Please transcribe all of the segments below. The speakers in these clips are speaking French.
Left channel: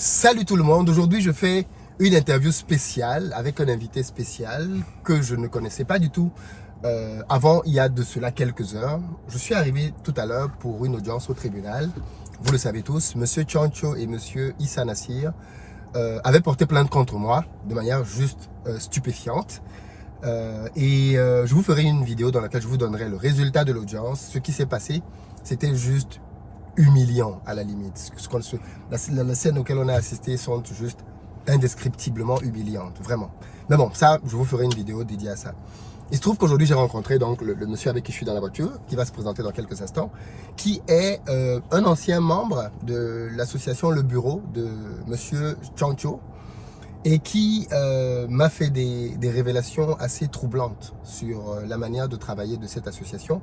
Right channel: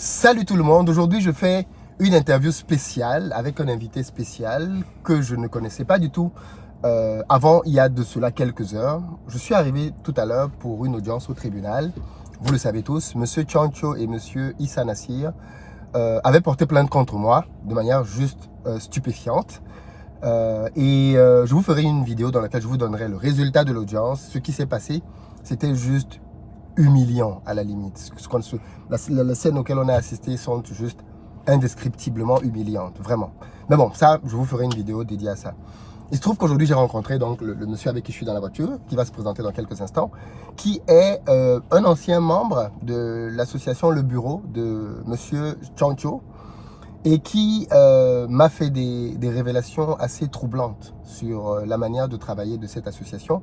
Salut tout le monde, aujourd'hui je fais une interview spéciale avec un invité spécial que je ne connaissais pas du tout avant, il y a de cela quelques heures. Je suis arrivé tout à l'heure pour une audience au tribunal. Vous le savez tous, Monsieur Tchancho et Monsieur Issa Nassir avaient porté plainte contre moi de manière juste stupéfiante. Je vous ferai une vidéo dans laquelle je vous donnerai le résultat de l'audience. Ce qui s'est passé, c'était juste humiliant à la limite. Les scènes auxquelles on a assisté sont juste indescriptiblement humiliantes, vraiment. Mais bon, ça, je vous ferai une vidéo dédiée à ça. Il se trouve qu'aujourd'hui, j'ai rencontré donc le monsieur avec qui je suis dans la voiture, qui va se présenter dans quelques instants, qui est un ancien membre de l'association Le Bureau de monsieur Tchancho, et qui m'a fait des révélations assez troublantes sur la manière de travailler de cette association.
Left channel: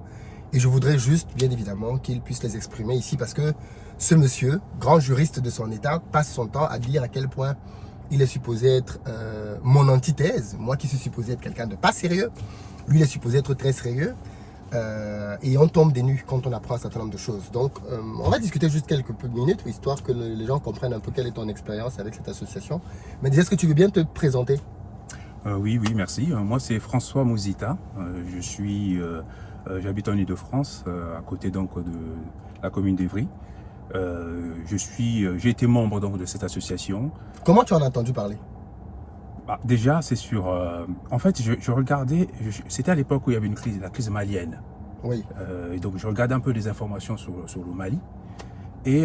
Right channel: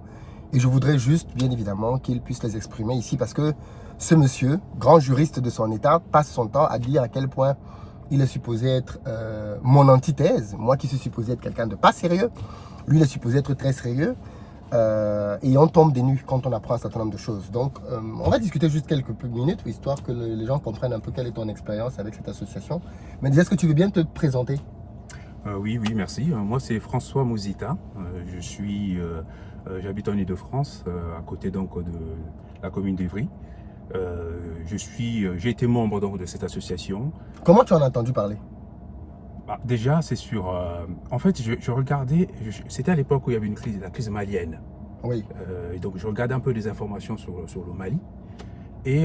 Et je voudrais juste, bien évidemment, qu'il puisse les exprimer ici parce que ce monsieur, grand juriste de son état, passe son temps à dire à quel point il est supposé être mon antithèse. Moi qui suis supposé être quelqu'un de pas sérieux, lui il est supposé être très sérieux. Et on tombe des nues quand on apprend un certain nombre de choses. Donc, on va discuter juste quelques minutes, histoire que les gens comprennent un peu quelle est ton expérience avec cette association. Mais déjà, est-ce que tu veux bien te présenter? Oui, merci. Moi, c'est François Mouzita. J'habite en Ile-de-France, à côté donc de la commune d'Evry. J'ai été membre donc de cette association. Comment tu en as entendu parler? Déjà, c'est sur... en fait, je regardais... C'était à l'époque où il y avait la crise malienne. Oui. Et donc, je regardais un peu des informations sur le Mali. Et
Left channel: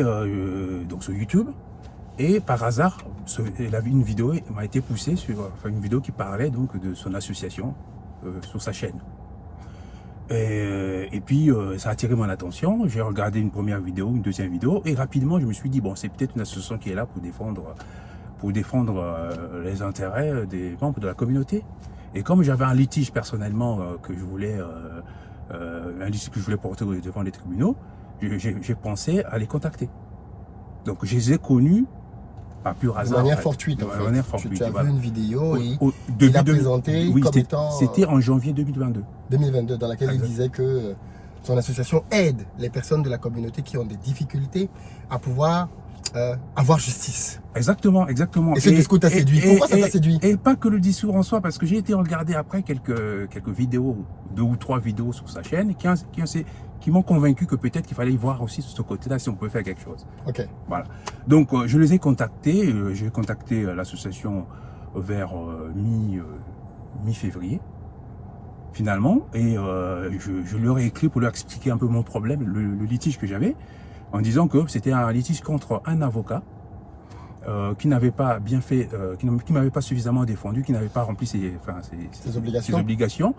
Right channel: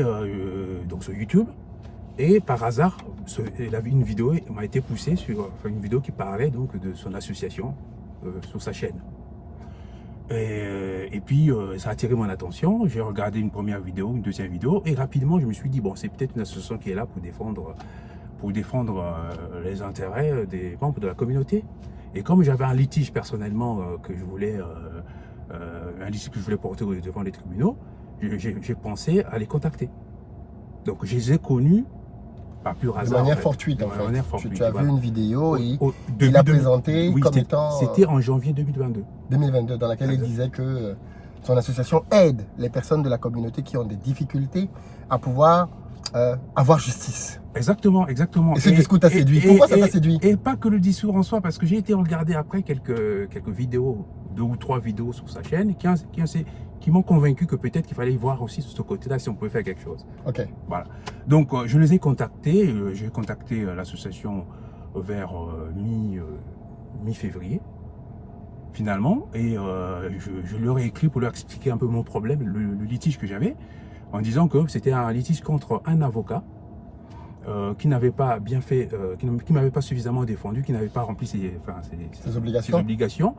donc, sur YouTube. Et par hasard, une vidéo m'a été poussée une vidéo qui parlait donc de son association sur sa chaîne. Et puis, ça a attiré mon attention. J'ai regardé une première vidéo, une deuxième vidéo. Et rapidement, je me suis dit, bon, c'est peut-être une association qui est là pour défendre les intérêts des membres de la communauté. Et comme j'avais un litige personnellement que je voulais porter devant les tribunaux, j'ai pensé à les contacter. Donc je les ai connus par pur hasard. De manière fortuite, en fait. De manière fortuite. Tu as vu une vidéo et il l'a présentée comme étant... C'était en janvier 2022. 2022, dans laquelle il disait que son association aide les personnes de la communauté qui ont des difficultés à pouvoir avoir justice. Exactement. Et ce discours t'a séduit. Pourquoi ça t'a séduit? Et pas que le discours en soi, parce que j'ai été regarder après quelques vidéos, 2 ou 3 vidéos sur sa chaîne, qui m'ont convaincu que peut-être qu'il fallait y voir aussi sur ce côté-là si on pouvait faire quelque chose. Ok. Voilà. Donc je les ai contactés. J'ai contacté l'association vers mi-février. Finalement, et je leur ai écrit pour leur expliquer un peu mon problème, le litige que j'avais, en disant que c'était un litige contre un avocat qui n'avait pas bien fait, qui m'avait pas suffisamment défendu, qui n'avait pas rempli ses obligations.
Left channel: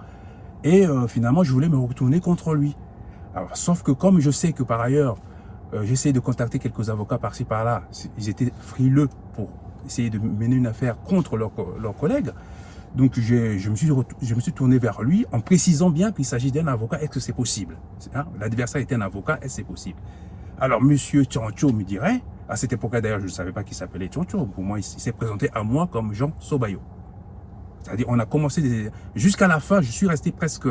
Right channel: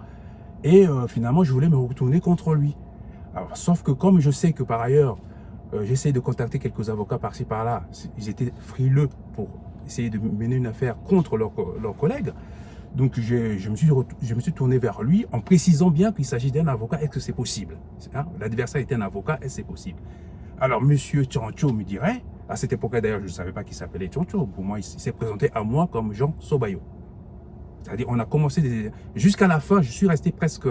Et finalement, je voulais me retourner contre lui. Alors, sauf que comme je sais que par ailleurs, j'essaie de contacter quelques avocats par-ci par-là, ils étaient frileux pour essayer de mener une affaire contre leurs collègues. Donc je me suis tourné vers lui en précisant bien qu'il s'agit d'un avocat. Est-ce que c'est possible? L'adversaire était un avocat, est-ce que c'est possible? Alors monsieur Tchancho me dirait, à cette époque d'ailleurs je ne savais pas qu'il s'appelait Tchancho, pour moi il s'est présenté à moi comme Jean Sobayo. C'est-à-dire on a commencé jusqu'à la fin, je suis resté presque...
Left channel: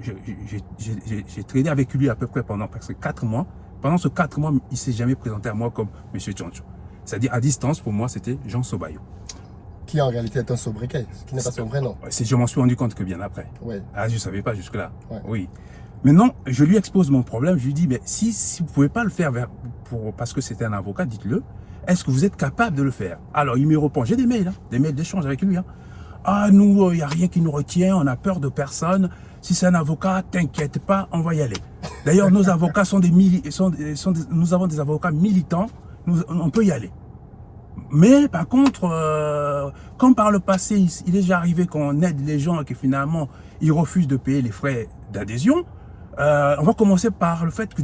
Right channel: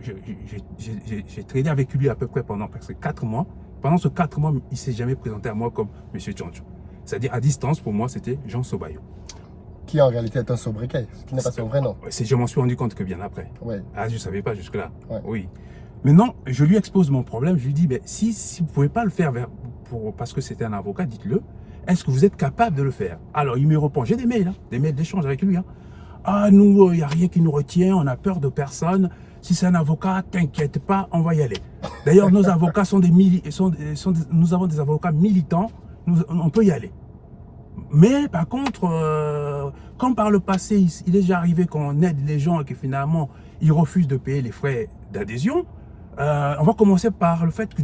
j'ai tradé avec lui à peu près pendant presque 4 mois. Pendant ces 4 mois, il ne s'est jamais présenté à moi comme monsieur Tchancho. C'est-à-dire à distance, pour moi c'était Jean Sobayo. Qui en réalité est un sobriquet, ce qui n'est pas son vrai nom. Je m'en suis rendu compte que bien après. Ouais. Je ne savais pas jusque-là. Ouais. Oui. Maintenant, je lui expose mon problème. Je lui dis, mais si vous ne pouvez pas le faire parce que c'était un avocat, dites-le. Est-ce que vous êtes capable de le faire? Alors, il me répond, j'ai des mails d'échange avec lui. Nous, il n'y a rien qui nous retient, on a peur de personne. Si c'est un avocat, t'inquiète pas, on va y aller. D'ailleurs, nos avocats nous avons des avocats militants, on peut y aller. Mais par contre, comme par le passé, il est déjà arrivé qu'on aide les gens et que finalement, ils refusent de payer les frais d'adhésion, on va commencer par le fait que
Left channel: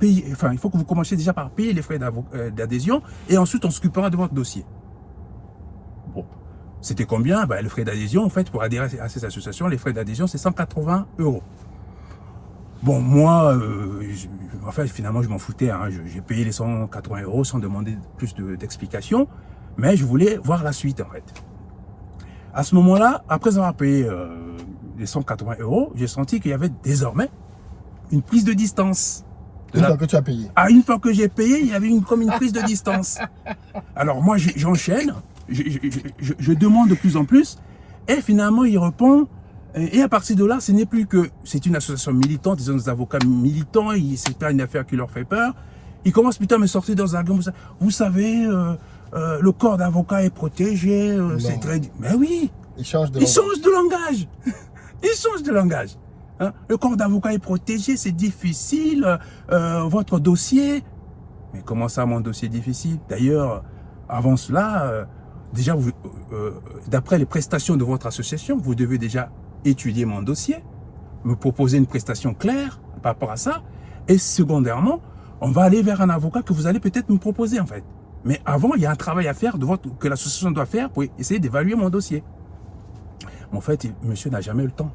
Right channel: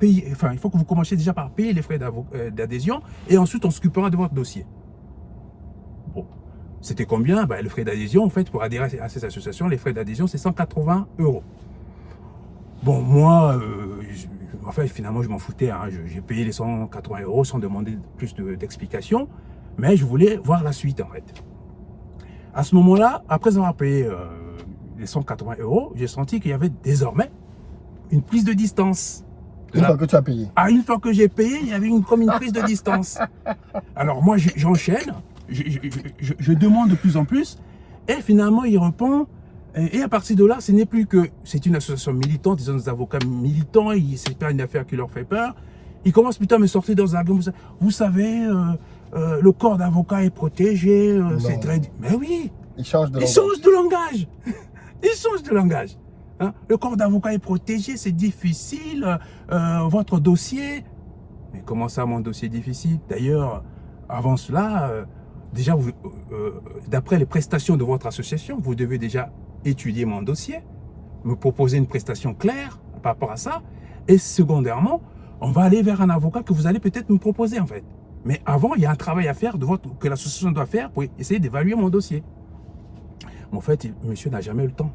il faut que vous commenciez déjà par payer les frais d'adhésion et ensuite on s'occupera de votre dossier. Bon, c'était combien? Le frais d'adhésion, en fait, pour adhérer à cette association, les frais d'adhésion, c'est 180 €. Bon, moi, finalement, je m'en foutais. J'ai payé les 180 € sans demander plus d'explications. Mais je voulais voir la suite, en fait. À ce moment-là, après avoir payé les 180 €, j'ai senti qu'il y avait désormais une prise de distance Une fois que tu as payé. Ah, une fois que j'ai payé, il y avait comme une prise de distance. Alors moi, j'enchaîne, je demande de plus en plus, et finalement, il répond. Et à partir de là, ce n'est plus que c'est une association militante, des avocats militants, c'est pas une affaire qui leur fait peur. Ils commencent plutôt à me sortir dans un argument. Vous savez, le corps d'avocat est protégé, c'est très... Mais oui, Ils changent de ils langage. changent de langage. Ils changent de langage. Hein? Le corps d'avocat est protégé, c'est difficile, votre dossier... Mais comment ça, mon dossier est difficile? D'ailleurs, avant cela, déjà, d'après les prestations de votre association, vous devez déjà étudier mon dossier, me proposer une prestation claire par rapport à ça, et secondairement, on va aller vers un avocat que vous allez peut-être me proposer en fait. Mais avant, il y a un travail à faire que l'association doit faire pour essayer d'évaluer mon dossier. Mais en fait, monsieur n'a jamais eu le temps.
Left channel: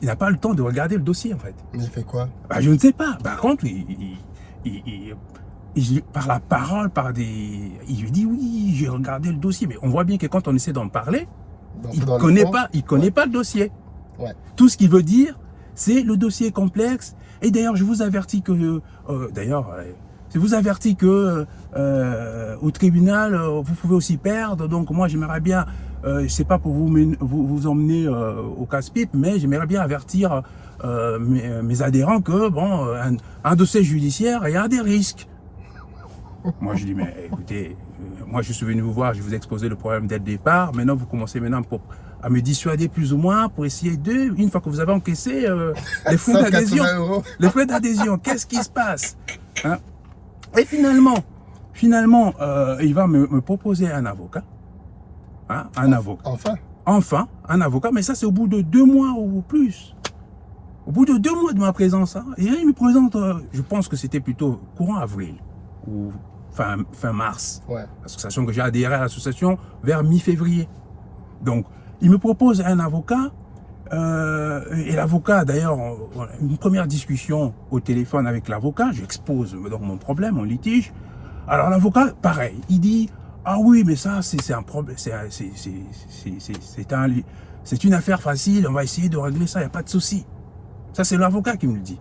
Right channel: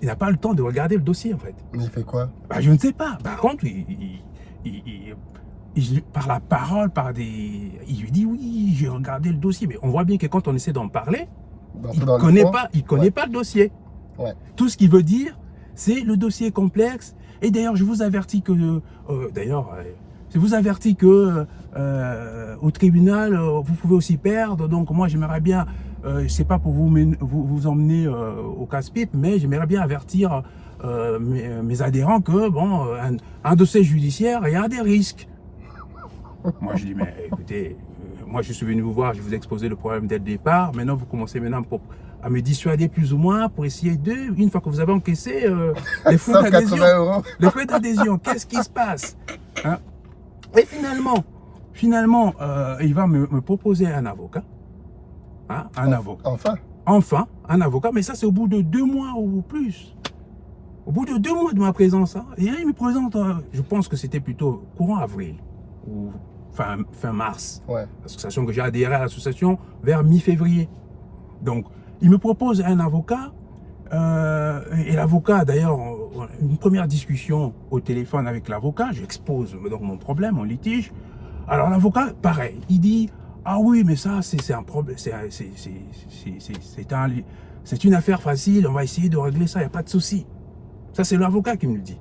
Il n'a pas le temps de regarder le dossier en fait. Mais il fait quoi? Bah, je ne sais pas. Par contre, par la parole, il lui dit oui, j'ai regardé le dossier. Mais on voit bien que quand on essaie d'en parler, il ne connaît pas le dossier. Ouais. Tout ce qu'il veut dire, c'est le dossier est complexe. Et d'ailleurs, je vous avertis que, au tribunal, vous pouvez aussi perdre. Donc moi, j'aimerais bien, c'est pas pour vous emmener au casse-pipe, mais j'aimerais bien avertir mes adhérents que bon, un dossier judiciaire, il y a des risques. Moi, je dis, mais écoutez, moi, je suis venu vous voir, je vous ai exposé le problème dès le départ. Maintenant, vous commencez à me dissuader plus ou moins pour essayer une fois que vous avez encaissé les frais d'adhésion. Les frais d'adhésion, qu'est-ce qui se passe, hein? Et finalement, il va me proposer un avocat. Hein, Enfin, un avocat, mais ça, c'est au bout de 2 mois ou plus. Au bout de 2 mois de ma présence, hein, et là, il me présente, je pense que c'était plutôt courant avril ou fin mars. Ouais. L'association que j'ai adhéré à l'association vers mi-février. Donc, il me propose un avocat, et l'avocat, d'ailleurs, une première discussion au téléphone avec l'avocat, j'expose donc mon problème, mon litige. Alors, l'avocat, pareil, il dit, ah oui, mais ça, c'est un problème, c'est une affaire facile, on va essayer de régler ça, il n'y a pas de souci. Ça, c'est l'avocat qui me le dit.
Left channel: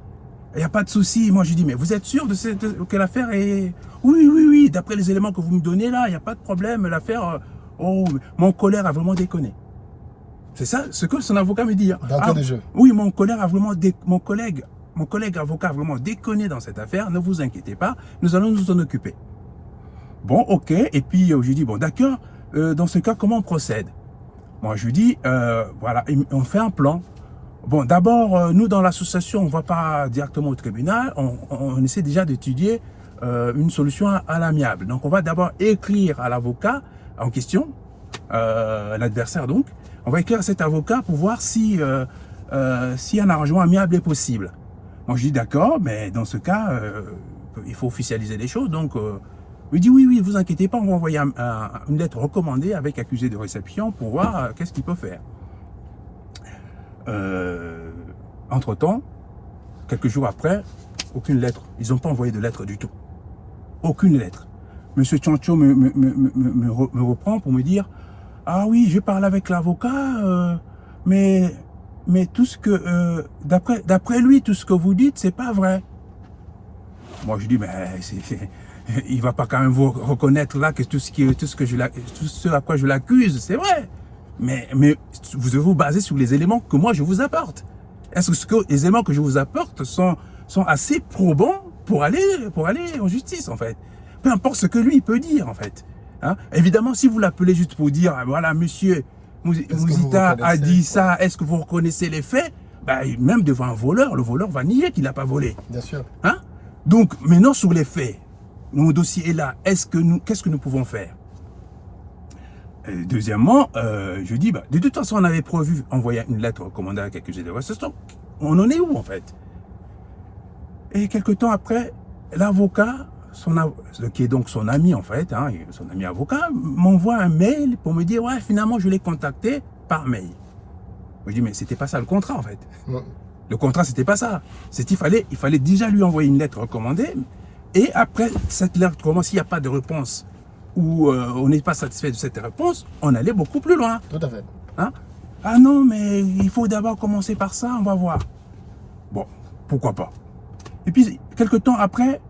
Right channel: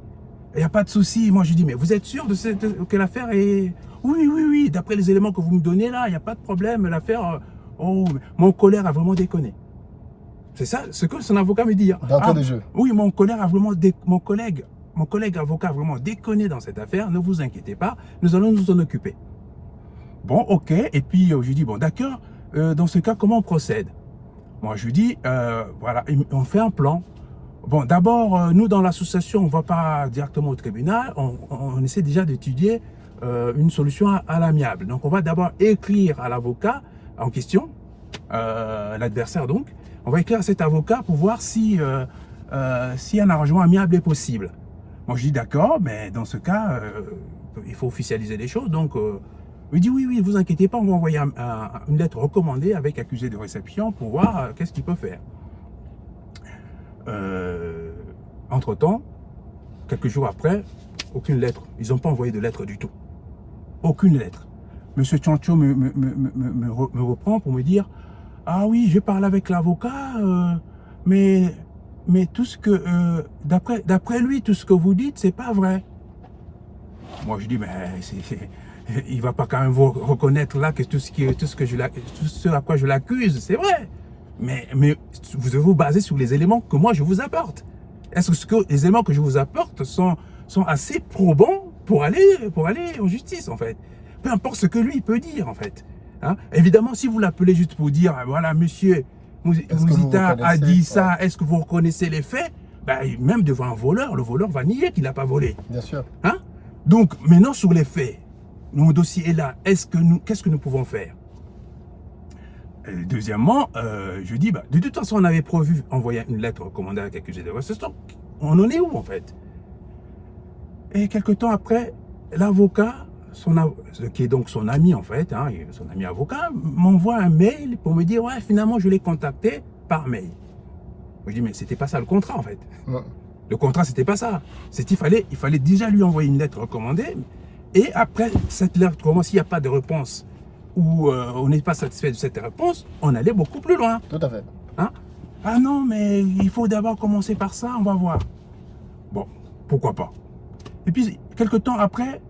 Il n'y a pas de souci. Moi, je dis, mais vous êtes sûr que l'affaire est... Oui, d'après les éléments que vous me donnez là, il n'y a pas de problème, l'affaire... Oh, mon collègue a vraiment déconné. C'est ça ce que son avocat me dit. D'entrée de jeu. Oui, mon collègue avocat a vraiment déconné dans cette affaire, ne vous inquiétez pas, nous allons nous en occuper. Bon, ok, et puis je lui dis, bon, d'accord, dans ce cas, comment on procède? Moi, je lui dis, voilà, on fait un plan. Bon, d'abord, nous, dans l'association, on ne va pas directement au tribunal, on essaie déjà d'étudier une solution à l'amiable. Donc, on va d'abord écrire à l'avocat en question, l'adversaire donc, on va écrire à cet avocat pour voir si un arrangement amiable est possible. Moi, je dis d'accord, mais dans ce cas, il faut officialiser les choses. Donc, il dit oui, ne vous inquiétez pas, on va envoyer une lettre recommandée avec accusé de réception pour voir qu'est-ce qu'il peut faire. Entre-temps, quelques jours après, aucune lettre. Ils n'ont pas envoyé de lettre du tout. Aucune lettre. Monsieur Tchancho me reprend pour me dire « Ah oui, je parle avec l'avocat, mais tout ce que... d'après lui, tout ce que vous dites, c'est pas vrai. » Moi, je dis « Mais il va pas quand même vous reconnaître là que tout ce à quoi je l'accuse, c'est vrai. Mais vous devez vous baser sur les éléments que moi, je vous apporte. Est-ce que les éléments que je vous apporte sont assez probants pour aller en justice, en fait? Peu importe ce que lui, il peut dire, en fait. Hein? Évidemment, si vous l'appelez juste pour dire, voilà, monsieur Mouzita a dit ça, est-ce que vous reconnaissez les faits? Ben, même devant un voleur, le voleur va nier qu'il n'a pas volé. Bien sûr. Hein? Donc, maintenant, sur les faits, mon dossier est là, qu'est-ce que nous pouvons faire? Deuxièmement, je dis, de toute façon, on avait prévu envoyer une lettre recommandée avec accusé de réception. On en est où, en fait? Et quelque temps après, l'avocat, qui est donc son ami, en fait, hein, son ami avocat, m'envoie un mail pour me dire, ouais, finalement, je l'ai contacté par mail. Je dis, mais c'était pas ça le contrat, en fait. Le contrat, c'était pas ça. Il fallait déjà lui envoyer une lettre recommandée. Et après cette lettre, s'il n'y a pas de réponse, ou on n'est pas satisfait de cette réponse, on allait beaucoup plus loin. Tout à fait. Hein? Ah non, mais il faut d'abord commencer par ça, on va voir. Bon, pourquoi pas. Et puis, quelque temps après,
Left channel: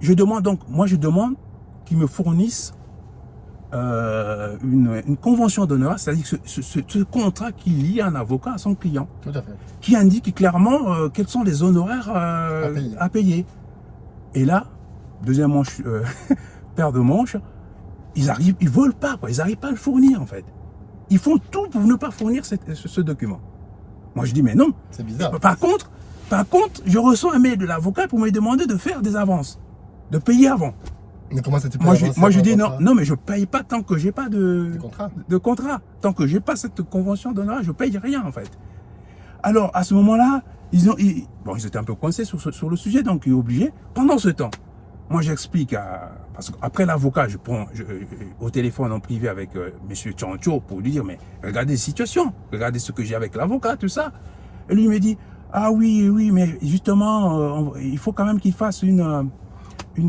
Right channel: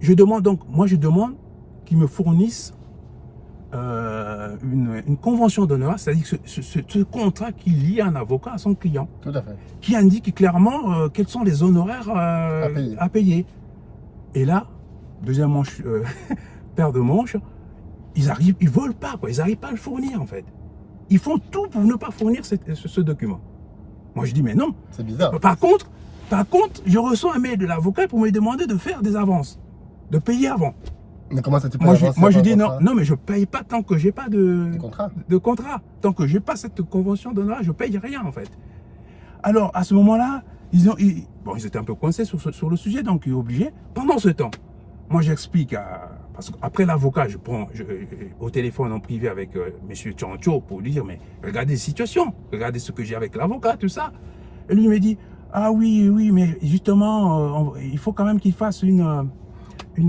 je demande qu'ils me fournissent une convention d'honneur, c'est-à-dire ce contrat qui lie un avocat à son client, Tout à fait. qui indique clairement quels sont les honoraires à payer. Et là, deuxième manche, paire de manches, ils veulent pas, quoi. Ils n'arrivent pas à le fournir en fait. Ils font tout pour ne pas fournir ce document. Moi je dis mais non. C'est bizarre. Par contre, je reçois un mail de l'avocat pour me demander de faire des avances, de payer avant. Mais comment ça te peut Moi je dis non, mais je paye pas tant que j'ai pas de contrat. Tant que j'ai pas cette convention d'honneur, je paye rien en fait. Alors à ce moment-là, ils étaient un peu coincés sur le sujet, donc ils sont obligés. Pendant ce temps, moi j'explique parce qu'après l'avocat, je prends au téléphone en privé avec monsieur Tchancho pour lui dire mais regardez la situation, regardez ce que j'ai avec l'avocat, tout ça. Et lui il me dit ah oui, mais justement il faut quand même qu'il fasse une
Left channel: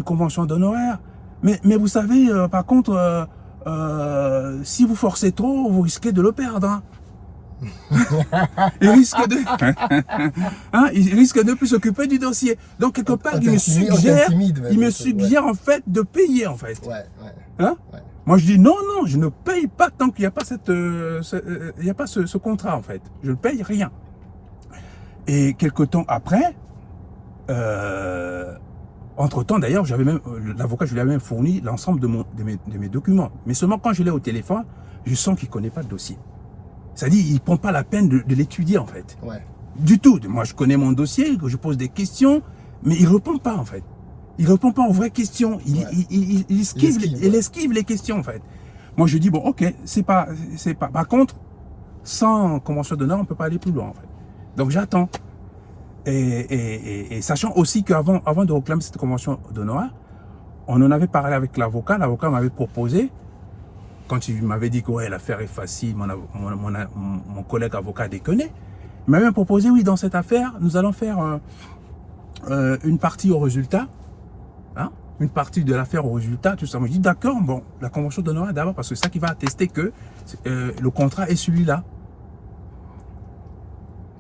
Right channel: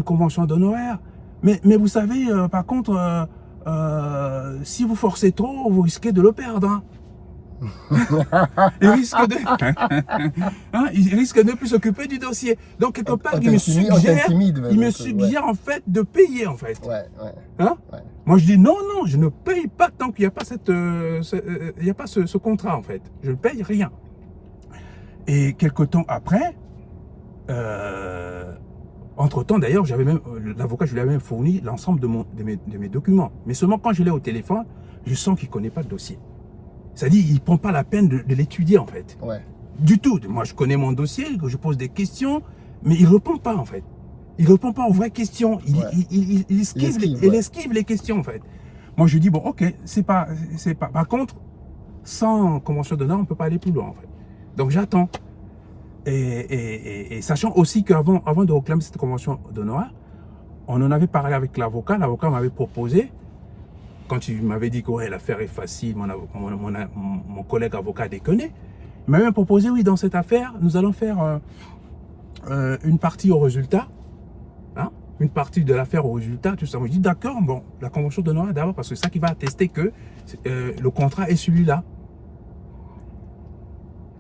convention d'honoraires. Mais vous savez, par contre, si vous forcez trop, vous risquez de le perdre. Hein. il risque de plus s'occuper du dossier. Donc quelque part, il me suggère en fait de payer en fait. Ouais. Hein? Ouais. Moi je dis non, je ne paye pas tant qu'il n'y a pas ce contrat en fait. Je ne paye rien. Et quelque temps après, entre-temps, d'ailleurs, l'avocat, je lui avais même fourni l'ensemble de mes documents. Mais seulement quand je l'ai au téléphone, je sens qu'il ne connaît pas le dossier. C'est-à-dire, il ne prend pas la peine de l'étudier, en fait. Ouais. Du tout. Moi, je connais mon dossier, je pose des questions, mais il ne répond pas, en fait. Il ne répond pas aux vraies questions. Il esquive les questions, en fait. Moi, je dis, bon, ok, c'est pas... Par contre, sans convention d'honneur, on ne peut pas aller plus loin, en fait. Donc, j'attends. Et sachant aussi qu'avant de réclamer cette convention d'honneur, on en avait parlé avec l'avocat. L'avocat m'avait proposé, quand il m'avait dit que ouais, l'affaire est facile, mon collègue avocat déconnait, il m'avait proposé, oui, dans cette affaire, nous allons faire une partie au résultat, hein, une partie de l'affaire au résultat, tout ça. Moi, je dis d'accord, bon, la convention d'honneur d'abord, parce que c'est ça qui va attester que le contrat est celui-là.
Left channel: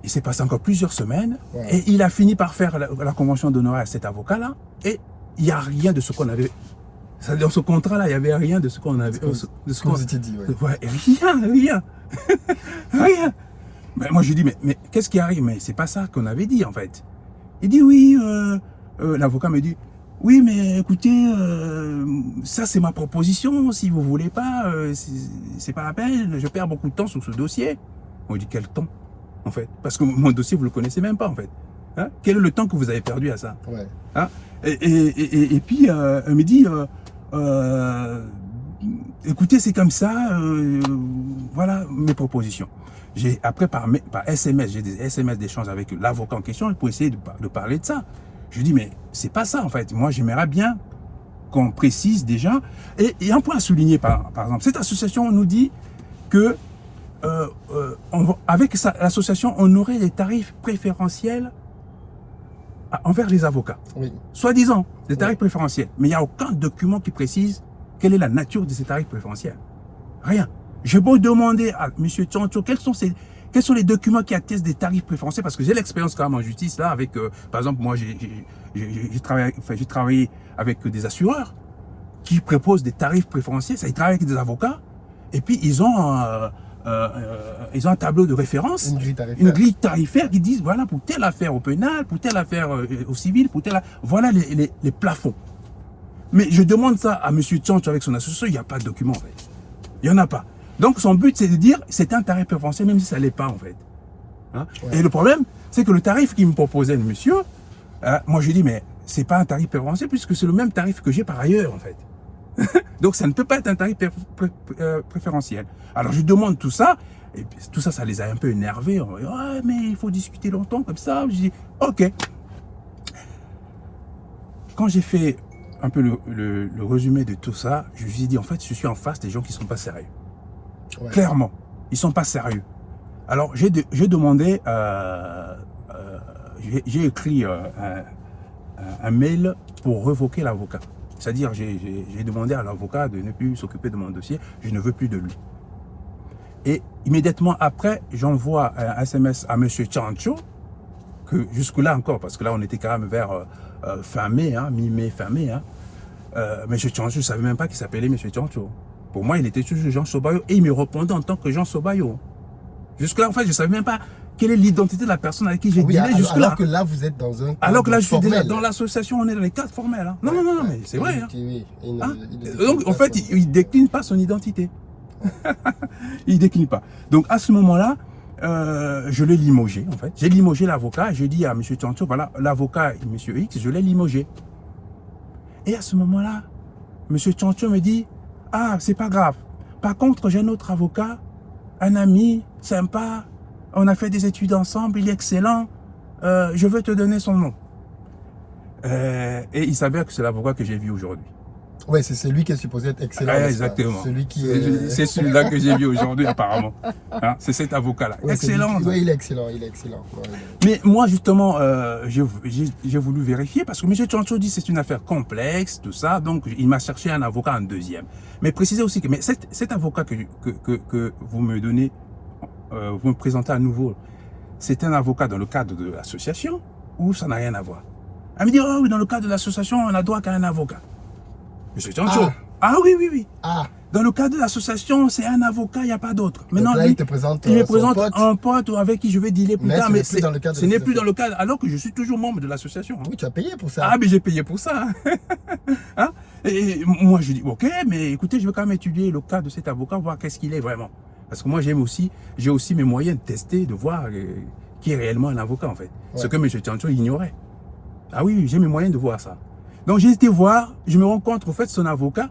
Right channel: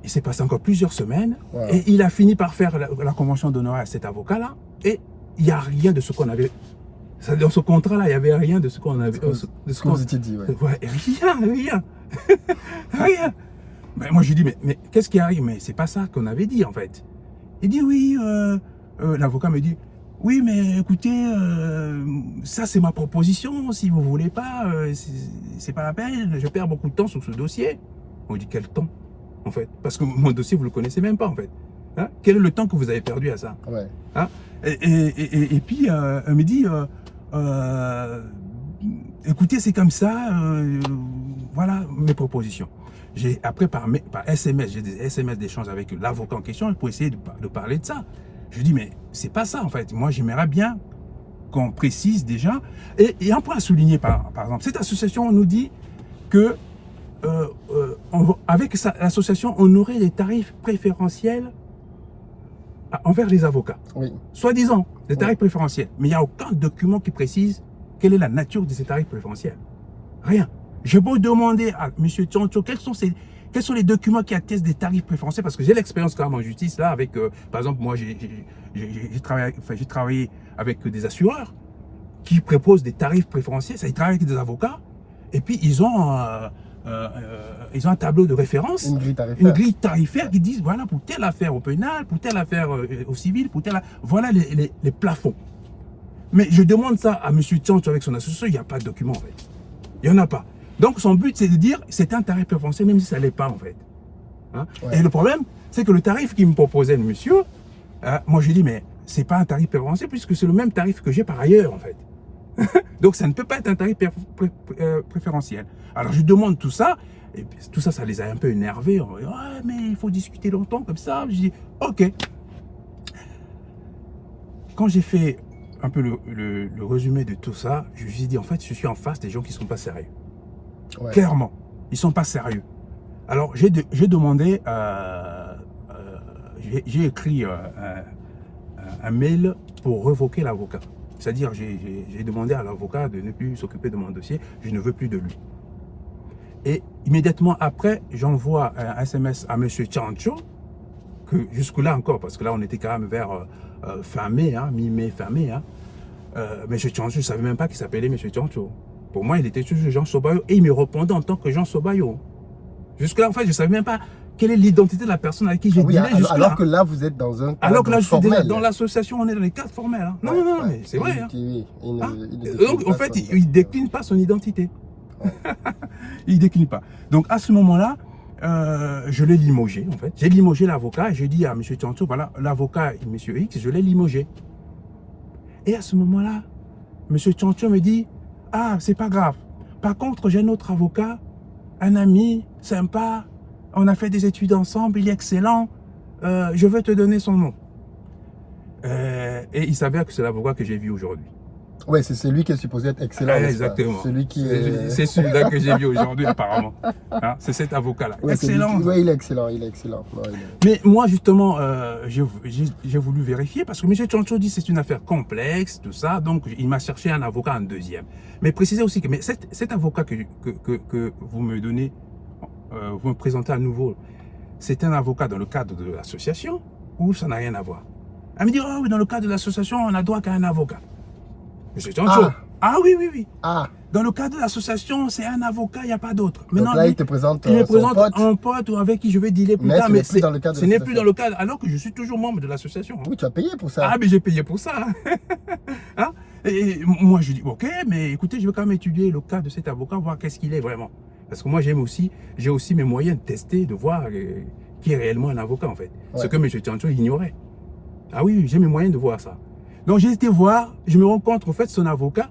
Il s'est passé encore plusieurs semaines et il a fini par faire la convention d'honoraires à cet avocat-là et il n'y a rien de ce qu'on avait. Dans ce contrat-là, il n'y avait rien de ce qu'on avait. De ce qu'on s'était dit, ouais. Rien. Rien. Mais moi, je dis, mais qu'est-ce qui arrive? Mais c'est pas ça qu'on avait dit, en fait. Il dit, oui, l'avocat me dit, oui, mais écoutez, ça, c'est ma proposition. Si vous ne voulez pas, c'est pas la peine. Je perds beaucoup de temps sur ce dossier. On dit, quel temps? En fait, parce que mon dossier, vous ne le connaissez même pas, en fait. Hein? Quel est le temps que vous avez perdu à ça? Hein? Et puis, elle me dit, écoutez, c'est comme ça, voilà mes propositions. Après, par SMS, j'ai des SMS d'échange avec l'avocat en question pour essayer de parler de ça. Je dis, mais c'est pas ça, en fait. Moi, j'aimerais bien qu'on précise déjà. Et un point à souligner, par exemple, cette association nous dit que avec l'association, on aurait des tarifs préférentiels envers les avocats. Oui. Soi-disant, des tarifs préférentiels. Mais il n'y a aucun document qui précise quelle est la nature de ces tarifs préférentiels. Rien. J'ai beau demander à M. Tchancho quels sont les documents qui attestent des tarifs préférentiels, parce que j'ai l'expérience quand même en justice, là, avec, par exemple, moi, j'ai travaillé avec des assureurs qui proposent des tarifs préférentiels. Ça, ils travaillent avec des avocats, et puis ils ont un tableau de référence, une grille tarifaire qui dit, voilà, pour telle affaire au pénal, pour telle affaire au civil, pour telle... Voilà les plafonds. Mais je demande ça à M. Tchancho avec son association, il n'y a pas de document, en fait. Il n'y en a pas. Donc son but, c'est de dire, c'est un tarif préférentiel, même si ça ne l'est pas, en fait. Hein? Ouais. Et le problème, c'est que le tarif qu'il me proposait le monsieur, moi je dis, mais c'est pas un tarif préférentiel, puisque c'est le même tarif que j'ai par ailleurs, en fait. Donc ça ne peut pas être un tarif préférentiel. Alors je demande tout ça, et puis, tout ça, ça les a un peu énervés. On dit, ouais, mais il faut discuter longtemps comme ça. Je dis, ok. Quand j'ai fait un peu le résumé de tout ça, je lui ai dit, en fait, je suis en face des gens qui ne sont pas sérieux. Ouais. Clairement, ils ne sont pas sérieux. Alors j'ai demandé, j'ai écrit un mail pour révoquer l'avocat. C'est-à-dire, j'ai demandé à l'avocat de ne plus s'occuper de mon dossier, je ne veux plus de lui. Et immédiatement après, j'envoie un SMS à M. Tchancho, que jusque-là encore, parce que là on était quand même vers fin mai, hein, mi-mai, fin mai. Hein. M. Tchancho, je ne savais même pas qu'il s'appelait M. Tchancho. Pour moi, il était toujours Jean Sobayo et il me répondait en tant que Jean Sobayo. Jusque-là, en fait, je ne savais même pas quelle est l'identité de la personne avec qui j'ai dealé jusque-là. Alors que là, vous êtes dans un cadre alors que là, je suis déjà formel. dans l'association, on est dans les cadres formels. Hein. Non, non, mais c'est vrai. Hein. Hein? Il Donc, en fait, il ne décline pas son identité. Il ne décline pas. Donc, à ce moment-là, je l'ai limogé, en fait. J'ai limogé l'avocat et je dis à M. Tchancho, voilà, l'avocat, M. X, je l'ai limogé. Et à ce moment-là, M. Tchancho me dit, ah, c'est pas grave. Par contre, j'ai un autre avocat, un ami, sympa, on a fait des études ensemble, il est excellent, je veux te donner son nom. Et il s'avère que c'est l'avocat que j'ai vu aujourd'hui. Oui, c'est celui qui est supposé être excellent. Exactement. C'est celui-là que j'ai vu aujourd'hui, apparemment. Hein, c'est cet avocat-là. Oui, excellent. Oui, il est excellent. Mais moi, justement, j'ai voulu vérifier parce que M. Tchancho dit que c'est une affaire complexe, tout ça. Donc, il m'a cherché un avocat en deuxième. Mais précisez aussi que cet avocat que vous me donnez, vous me présentez à nouveau, c'est un avocat dans le cadre de l'association ou ça n'a rien à voir? Elle me dit, oh oui, dans le cadre de l'association, on n'a droit qu'à un avocat. M. Tchancho. Ah oui. Ah. Dans le cadre de l'association, c'est un avocat, il n'y a pas d'autre. Maintenant, là, il te présente un pote avec qui je vais dealer plus tard. Mais ce n'est plus dans le cadre, alors que je suis toujours membre de l'association. Hein. Oui, tu as payé pour ça. Ah, mais j'ai payé pour ça. Hein? Et moi, je dis, ok, mais écoutez, je vais quand même étudier le cas de cet avocat, voir qu'est-ce qu'il est vraiment. Parce que moi, j'ai aussi mes moyens de tester, de voir qui est réellement un avocat, en fait. Ouais. Ce que M. Tchancho ignorait. Ah oui, j'ai mes moyens de voir ça. Donc, j'ai été voir, je me rends compte, en fait, son avocat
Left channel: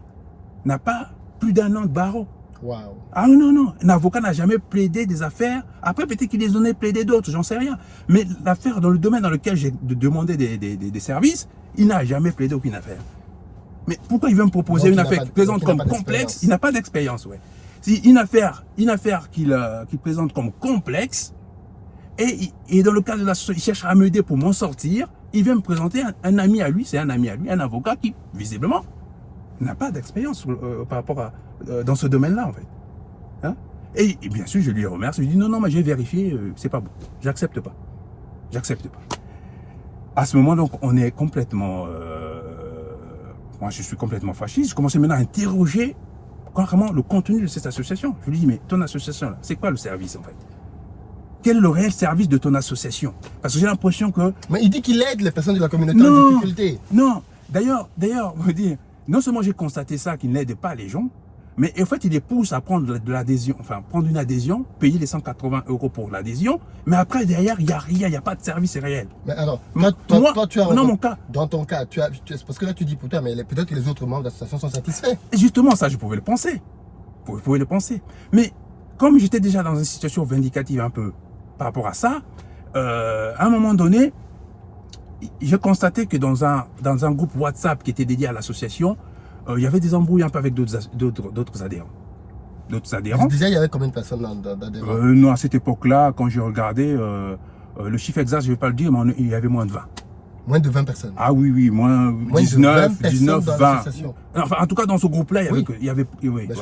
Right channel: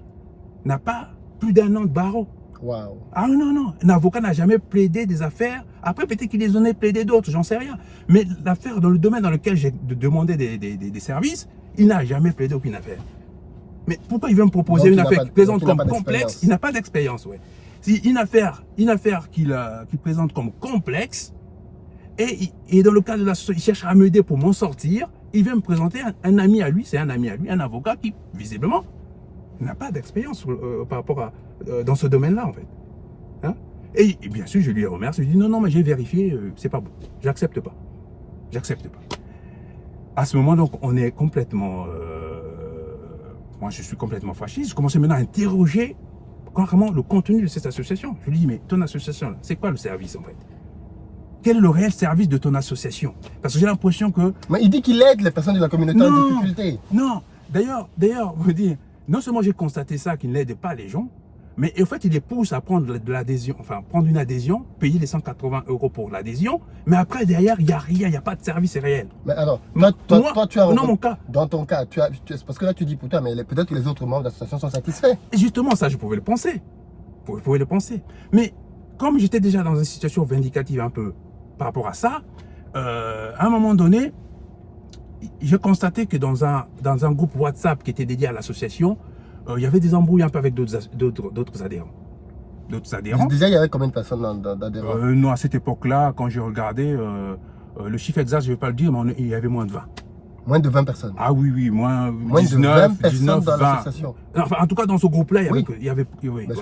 n'a pas plus d'1 an de barreau. Wow. Ah non, un avocat n'a jamais plaidé des affaires. Après, peut-être qu'il les en a plaidé d'autres, j'en sais rien. Mais l'affaire dans le domaine dans lequel j'ai demandé des services, il n'a jamais plaidé aucune affaire. Mais pourquoi il veut me proposer une affaire qu'il présente comme complexe? Il n'a pas d'expérience, ouais. C'est une affaire qu'il présente comme complexe, et dans le cadre de l'association, il cherche à m'aider pour m'en sortir. Il vient me présenter un ami à lui, c'est un ami à lui, un avocat qui, visiblement, n'a pas d'expérience par rapport à dans ce domaine-là, en fait. Hein? Et bien sûr, je lui remercie. Je lui dis non, mais j'ai vérifié, c'est pas bon. J'accepte pas. J'accepte pas. À ce moment, donc, on est complètement. Moi, je suis complètement fasciste. Je commence maintenant à interroger carrément le contenu de cette association. Je lui dis, mais ton association, là, c'est quoi le service, en fait? Quel est le réel service de ton association? Parce que j'ai l'impression que... Mais il dit qu'il aide les personnes de la communauté en difficulté. Non, d'ailleurs, on va dire, non seulement j'ai constaté ça, qu'il n'aide pas les gens, mais en fait, il les pousse à prendre de l'adhésion, enfin, prendre une adhésion, payer les 180 € pour l'adhésion, mais après, derrière, il n'y a rien, il n'y a pas de service réel. Mais alors, toi, tu as... Dans mon cas. Dans ton cas, parce que là, tu dis, putain, mais peut-être que les autres membres de l'association sont satisfaits. Et justement, ça, je pouvais le penser. Vous pouvez le penser. Mais comme j'étais déjà dans une situation vindicative un peu par rapport à ça, à un moment donné, j'ai constaté que dans un groupe WhatsApp qui était dédié à l'association, il y avait des embrouilles un peu avec d'autres adhérents. D'autres adhérents. Déjà, il y avait combien de personnes d'adhérents? Non, à cette époque-là, quand j'ai regardé, le chiffre exact, je ne vais pas le dire, mais il y avait moins de 20. Moins de 20 personnes? Ah oui, moins 19, 20. Enfin, en tout cas, dans ce groupe-là, il y avait... Oui, mais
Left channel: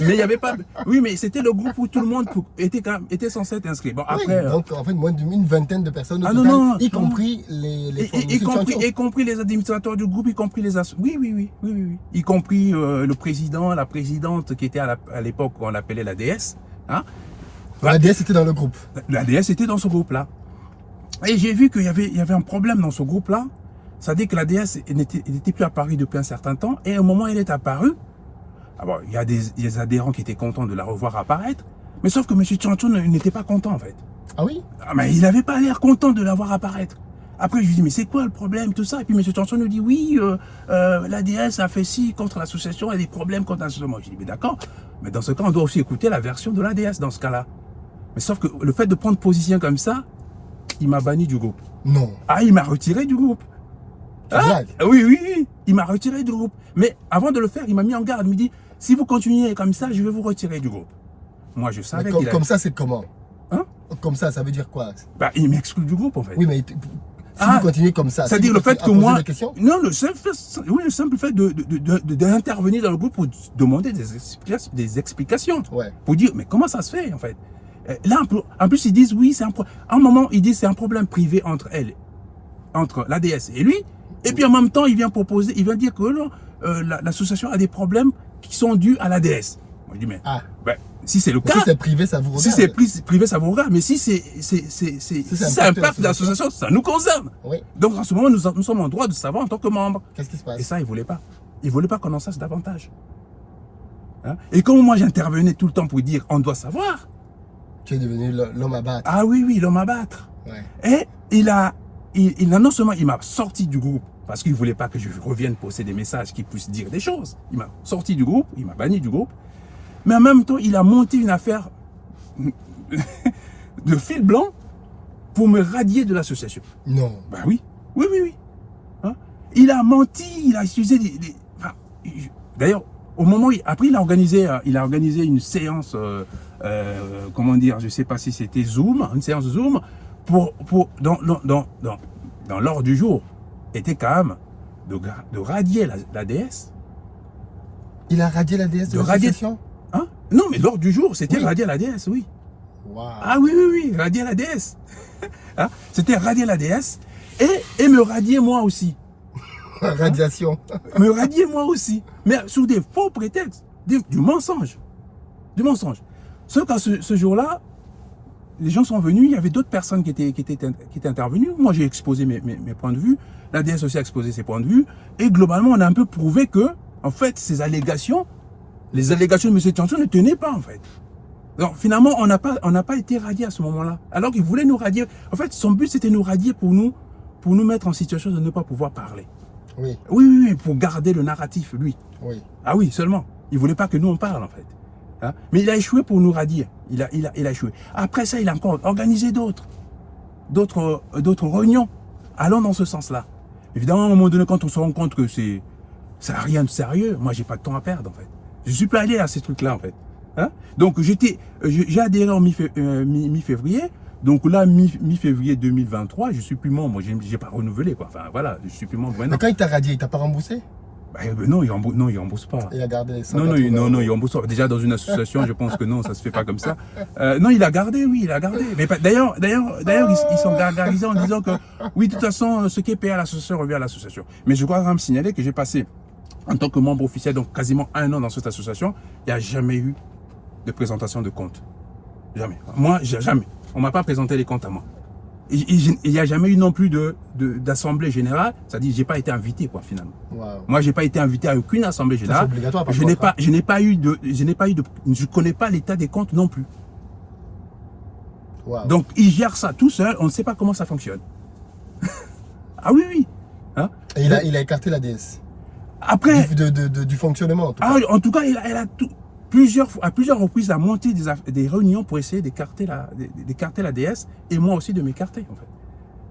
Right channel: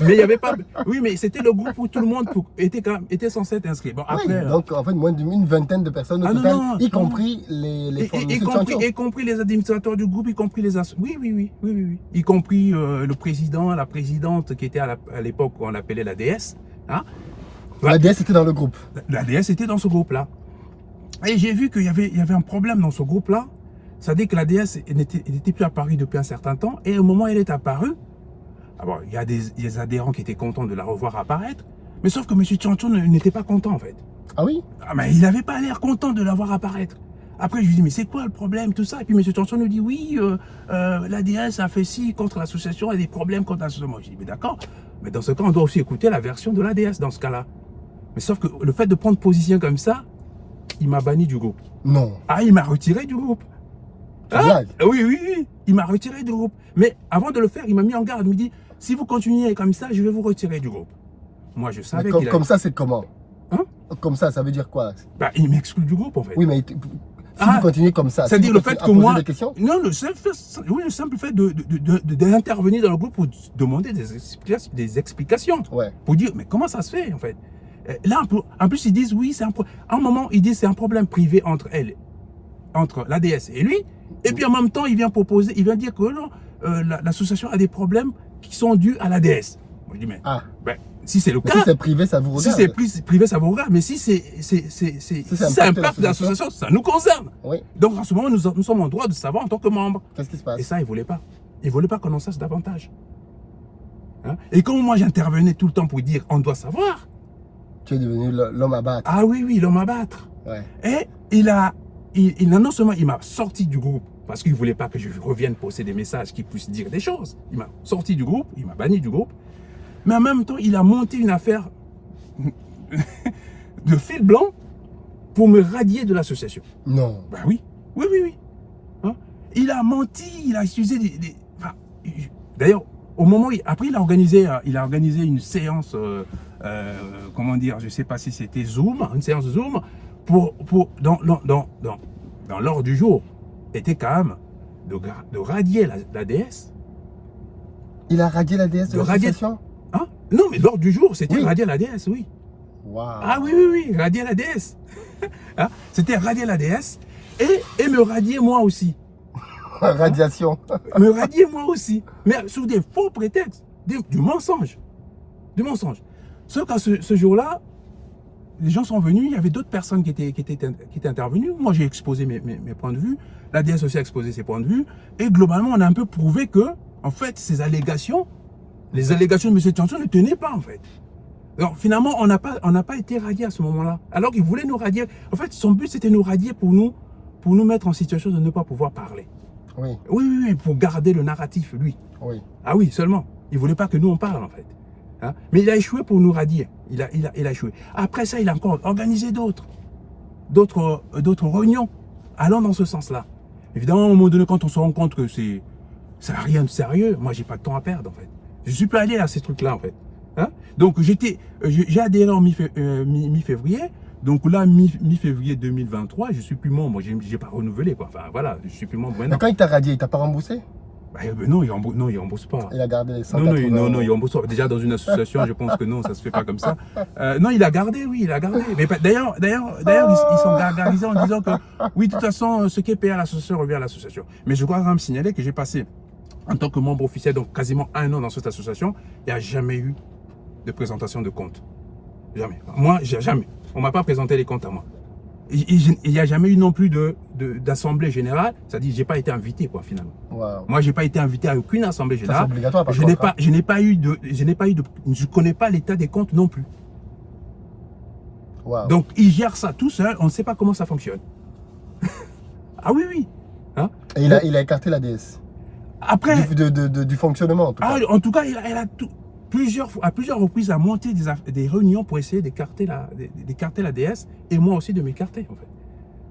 il n'y avait pas... Oui, mais c'était le groupe où tout le monde était censé être inscrit. Bon, après, donc, en fait, moins d'une vingtaine de personnes, y compris les y compris les administrateurs du groupe, y compris les... Oui. Y compris le président, la présidente qui était à l'époque, on l'appelait la déesse. Hein? La déesse était dans le groupe? La déesse était dans ce groupe-là. Et j'ai vu qu'il y avait un problème dans ce groupe-là. C'est-à-dire que la déesse n'était plus apparue depuis un certain temps. Et au moment où elle est apparue, alors, il y a des adhérents qui étaient contents de la revoir apparaître. Mais sauf que M. Tchancho n'était pas content, en fait. Ah oui? Mais il n'avait pas l'air content de la voir apparaître. Après, je lui dis, mais c'est quoi le problème, tout ça? Et puis M. Tchancho nous dit, oui, la déesse a fait ci contre l'association, il y a des problèmes contre l'association. Je dis, mais d'accord. Mais dans ce cas, on doit aussi écouter la version de la déesse dans ce cas-là. Mais sauf que le fait de prendre position comme ça, il m'a banni du groupe. Non. Ah, il m'a retiré du groupe. Ah, oui. Il m'a retiré du groupe. Mais avant de le faire, il m'a mis en garde. Il me dit, si vous continuez comme ça, je vais vous retirer du groupe. Moi, je savais qu'il Comme ça, c'est comment? Hein? Comme ça veut dire quoi? Bah, il m'exclut du groupe, en fait. Oui, mais si vous continuez comme ça... C'est-à-dire le fait que moi... Non, le simple fait d'intervenir dans le groupe pour demander des explications. Ouais. Pour dire, mais comment ça se fait, en fait? Là, en plus, ils disent, oui, à un moment, ils disent c'est un problème privé entre elles. entre l'ADS et lui, et puis en même temps, il vient proposer, il vient dire que non, l'association a des problèmes qui sont dus à l'ADS. Moi, je dis, mais ben, si c'est le cas, si c'est privé, ça vous regarde. Si c'est privé, ça vous regarde, mais si ça impacte l'association, ça nous concerne. Oui. Donc en ce moment, nous sommes en droit de savoir en tant que membres. Qu'est-ce qui se passe? Et ça, il ne voulait pas. Il ne voulait pas qu'on en sache davantage. Hein? Et comme moi, j'intervenais tout le temps pour dire, on doit savoir. Tu es devenu l'homme à battre. Ah oui, l'homme à battre. Ouais. Et non seulement il m'a sorti du groupe, parce qu'il ne voulait pas que je revienne poster des messages qui puissent dire des choses. Il m'a sorti du groupe, il m'a banni du groupe. Mais en même temps, il a monté une affaire de fil blanc pour me radier de l'association. Non. Ben oui. Oui. Hein? Il a menti, il a utilisé enfin, d'ailleurs, au moment où après il a organisé une séance, comment dire, je ne sais pas si c'était Zoom, une séance Zoom, dans l'ordre du jour, était quand même de radier la DS. Il a radié la DS de l'association? Hein? Non, mais l'ordre du jour, c'était radier la DS, oui. Wow. Ah oui, radier la DS. Hein? C'était radier la DS et me radier moi aussi. Radiation. Me radier moi aussi. Mais sous des faux prétextes, du mensonge. Du mensonge. Sauf qu'à ce jour-là, les gens sont venus, il y avait d'autres personnes qui étaient intervenues. Moi, j'ai exposé mes points de vue. La DS aussi a exposé ses points de vue. Et globalement, on a un peu prouvé que, en fait, ces allégations, les allégations de M. Tianso ne tenaient pas, en fait. Donc, finalement, on n'a pas été radié à ce moment-là. Alors qu'il voulait nous radier. En fait, son but, c'était nous radier pour nous mettre en situation de ne pas pouvoir parler. Oui. Oui, pour garder le narratif, lui. Oui. Ah oui, seulement. Il ne voulait pas que nous, on parle, en fait. Hein? Mais il a échoué pour nous radier. Il a échoué. Après ça, il a encore organisé d'autres réunions allant dans ce sens-là. Évidemment, à un moment donné, quand on se rend compte que ça n'a rien de sérieux, moi, j'ai pas de temps à perdre, en fait. Je suis pas allé à ces trucs-là, en fait. Hein? Donc, j'ai adhéré en mi-février. Donc là, mi-février 2023, je suis plus membre. J'ai pas renouvelé, quoi. Enfin, voilà, je suis plus membre maintenant. Mais quand il t'a radié, il t'a pas remboursé? Non, il rembourse pas. Il a gardé les 180 Non, il rembourse pas. Déjà, dans une association, je pense que non, ça se fait pas comme ça. Non, il a gardé, oui, il a gardé. Mais d'ailleurs, ils sont gargarisés en disant que, oui, de toute façon, ce qui est payé à l'association revient à l'association. Mais je dois quand même signaler que j'ai passé, en tant que membre officiel, donc quasiment 1 an dans cette association, il n'y a jamais eu de présentation de compte. Jamais. Moi, jamais. On ne m'a pas présenté les comptes à moi. Il n'y a jamais eu non plus d'assemblée générale, c'est-à-dire que je n'ai pas été invité, quoi, finalement. Wow. Moi, je n'ai pas été invité à aucune assemblée générale. C'est obligatoire, par je connais pas l'état des comptes non plus. Wow. Donc, ils gèrent ça tout seul, on ne sait pas comment ça fonctionne. Ah oui. Hein? Et il a écarté la DS. Après, du fonctionnement, en tout cas. En tout cas, elle a à plusieurs reprises, a monté des réunions pour essayer d'écarter la DS et moi aussi de m'écarter, en fait.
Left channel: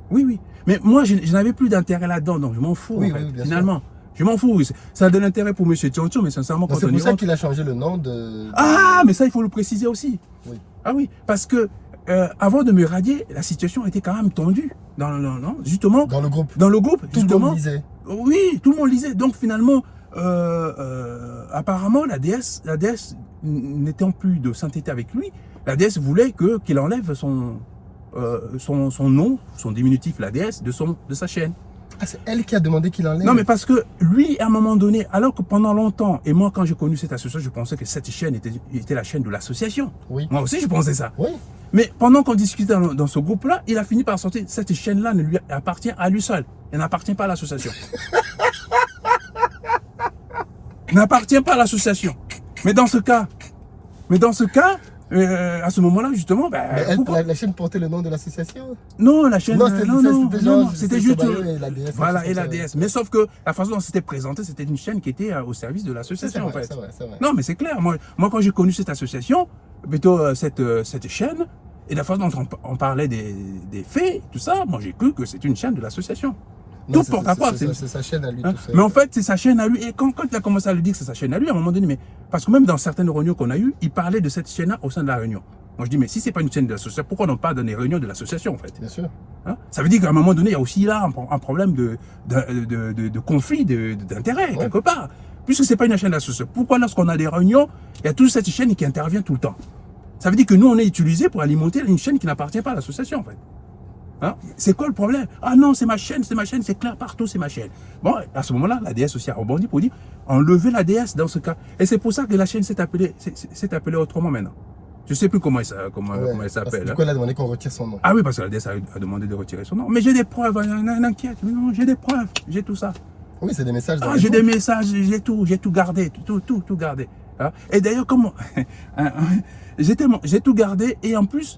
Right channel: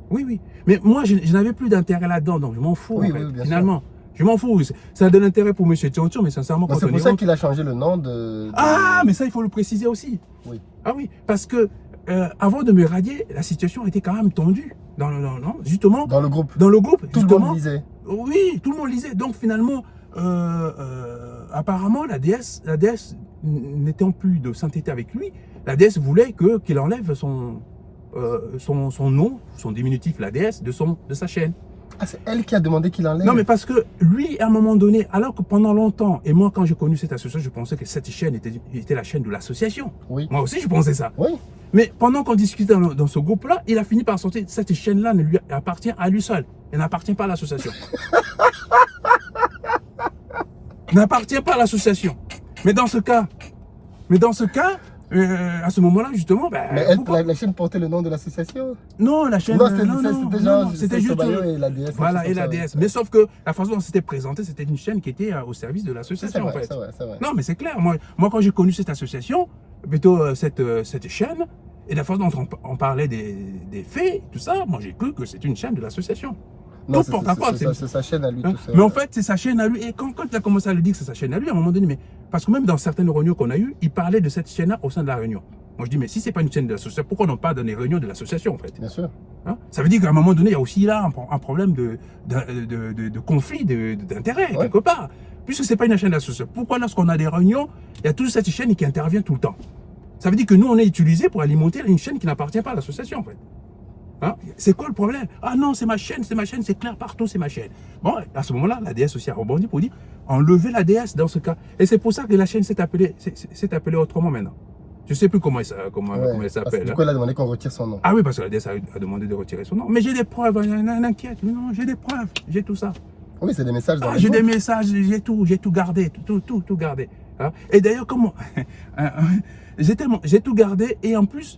Oui. Mais moi, je n'avais plus d'intérêt là-dedans, donc je m'en fous, en fait, finalement. Je m'en fous. Ça a de l'intérêt pour M. Tianso, mais sincèrement, quand c'est pour ça qu'il a changé le nom de... Ah, mais ça, il faut le préciser aussi. Oui. Ah oui, parce que avant de me radier, la situation était quand même tendue. Justement. Dans le groupe. Tout justement. le monde lisait. Oui, tout le monde lisait. Donc finalement, apparemment, la DS n'étant plus de sainteté avec lui, la DS voulait qu'il enlève son nom, son diminutif, la DS, de sa chaîne. Ah, c'est elle qui a demandé qu'il enlève? Non, mais parce que lui, à un moment donné, alors que pendant longtemps, et moi, quand j'ai connu cette association, je pensais que cette chaîne était la chaîne de l'association. Oui. Moi aussi, je pensais ça. Oui. Mais pendant qu'on discutait dans ce groupe-là, il a fini par sortir, cette chaîne-là ne lui appartient à lui seul. Elle n'appartient pas à l'association. N'appartient pas à l'association. Mais dans ce cas, à ce moment-là, justement, la chaîne portait le nom de l'association? Non, la chaîne, non, c'était juste... Voilà, et la DS. Mais sauf que la façon dont c'était présenté, c'était une chaîne qui était au service de l'association, en fait. C'est vrai. Non, mais c'est clair. Moi, quand j'ai connu cette association, plutôt cette chaîne, et la façon dont on parlait des faits, tout ça, moi, j'ai cru que c'était une chaîne de l'association. Non, c'est sa chaîne à lui. Hein? Mais en fait, c'est sa chaîne à lui. Et quand il a commencé à lui dire que c'est sa chaîne à lui, à un moment donné, parce que même dans certaines réunions qu'on a eues, il parlait de cette chaîne-là au sein de la réunion. Moi, je dis, mais si ce n'est pas une chaîne de l'association, pourquoi on parle dans les réunions de l'association, en fait? Bien sûr. Hein? Ça veut dire qu'à un moment donné, il y a aussi là un problème de conflit d'intérêt, quelque part. Puisque ce n'est pas une chaîne d'association. Pourquoi lorsqu'on a des réunions, il y a toute cette chaîne qui intervient tout le temps? Ça veut dire que nous, on est utilisé pour alimenter une chaîne qui n'appartient pas à l'association, en fait. Hein? C'est quoi le problème? Ah non, c'est ma chaîne, c'est clair partout, c'est ma chaîne. Bon, à ce moment-là, la DS aussi a rebondi pour dire enlever la DS dans ce cas. Et c'est pour ça que la chaîne s'est appelée autrement maintenant. Je ne sais plus comment elle s'appelle. Pourquoi elle a demandé qu'on retire son nom? Ah oui, parce que la DS a demandé de retirer son nom. Mais j'ai des preuves, un inquiète. Non, j'ai des preuves, j'ai tout ça. Oui, c'est des messages. Ah, j'ai des messages, j'ai tout gardé, tout gardé. Hein? Et d'ailleurs, comment j'ai tout gardé, et en plus,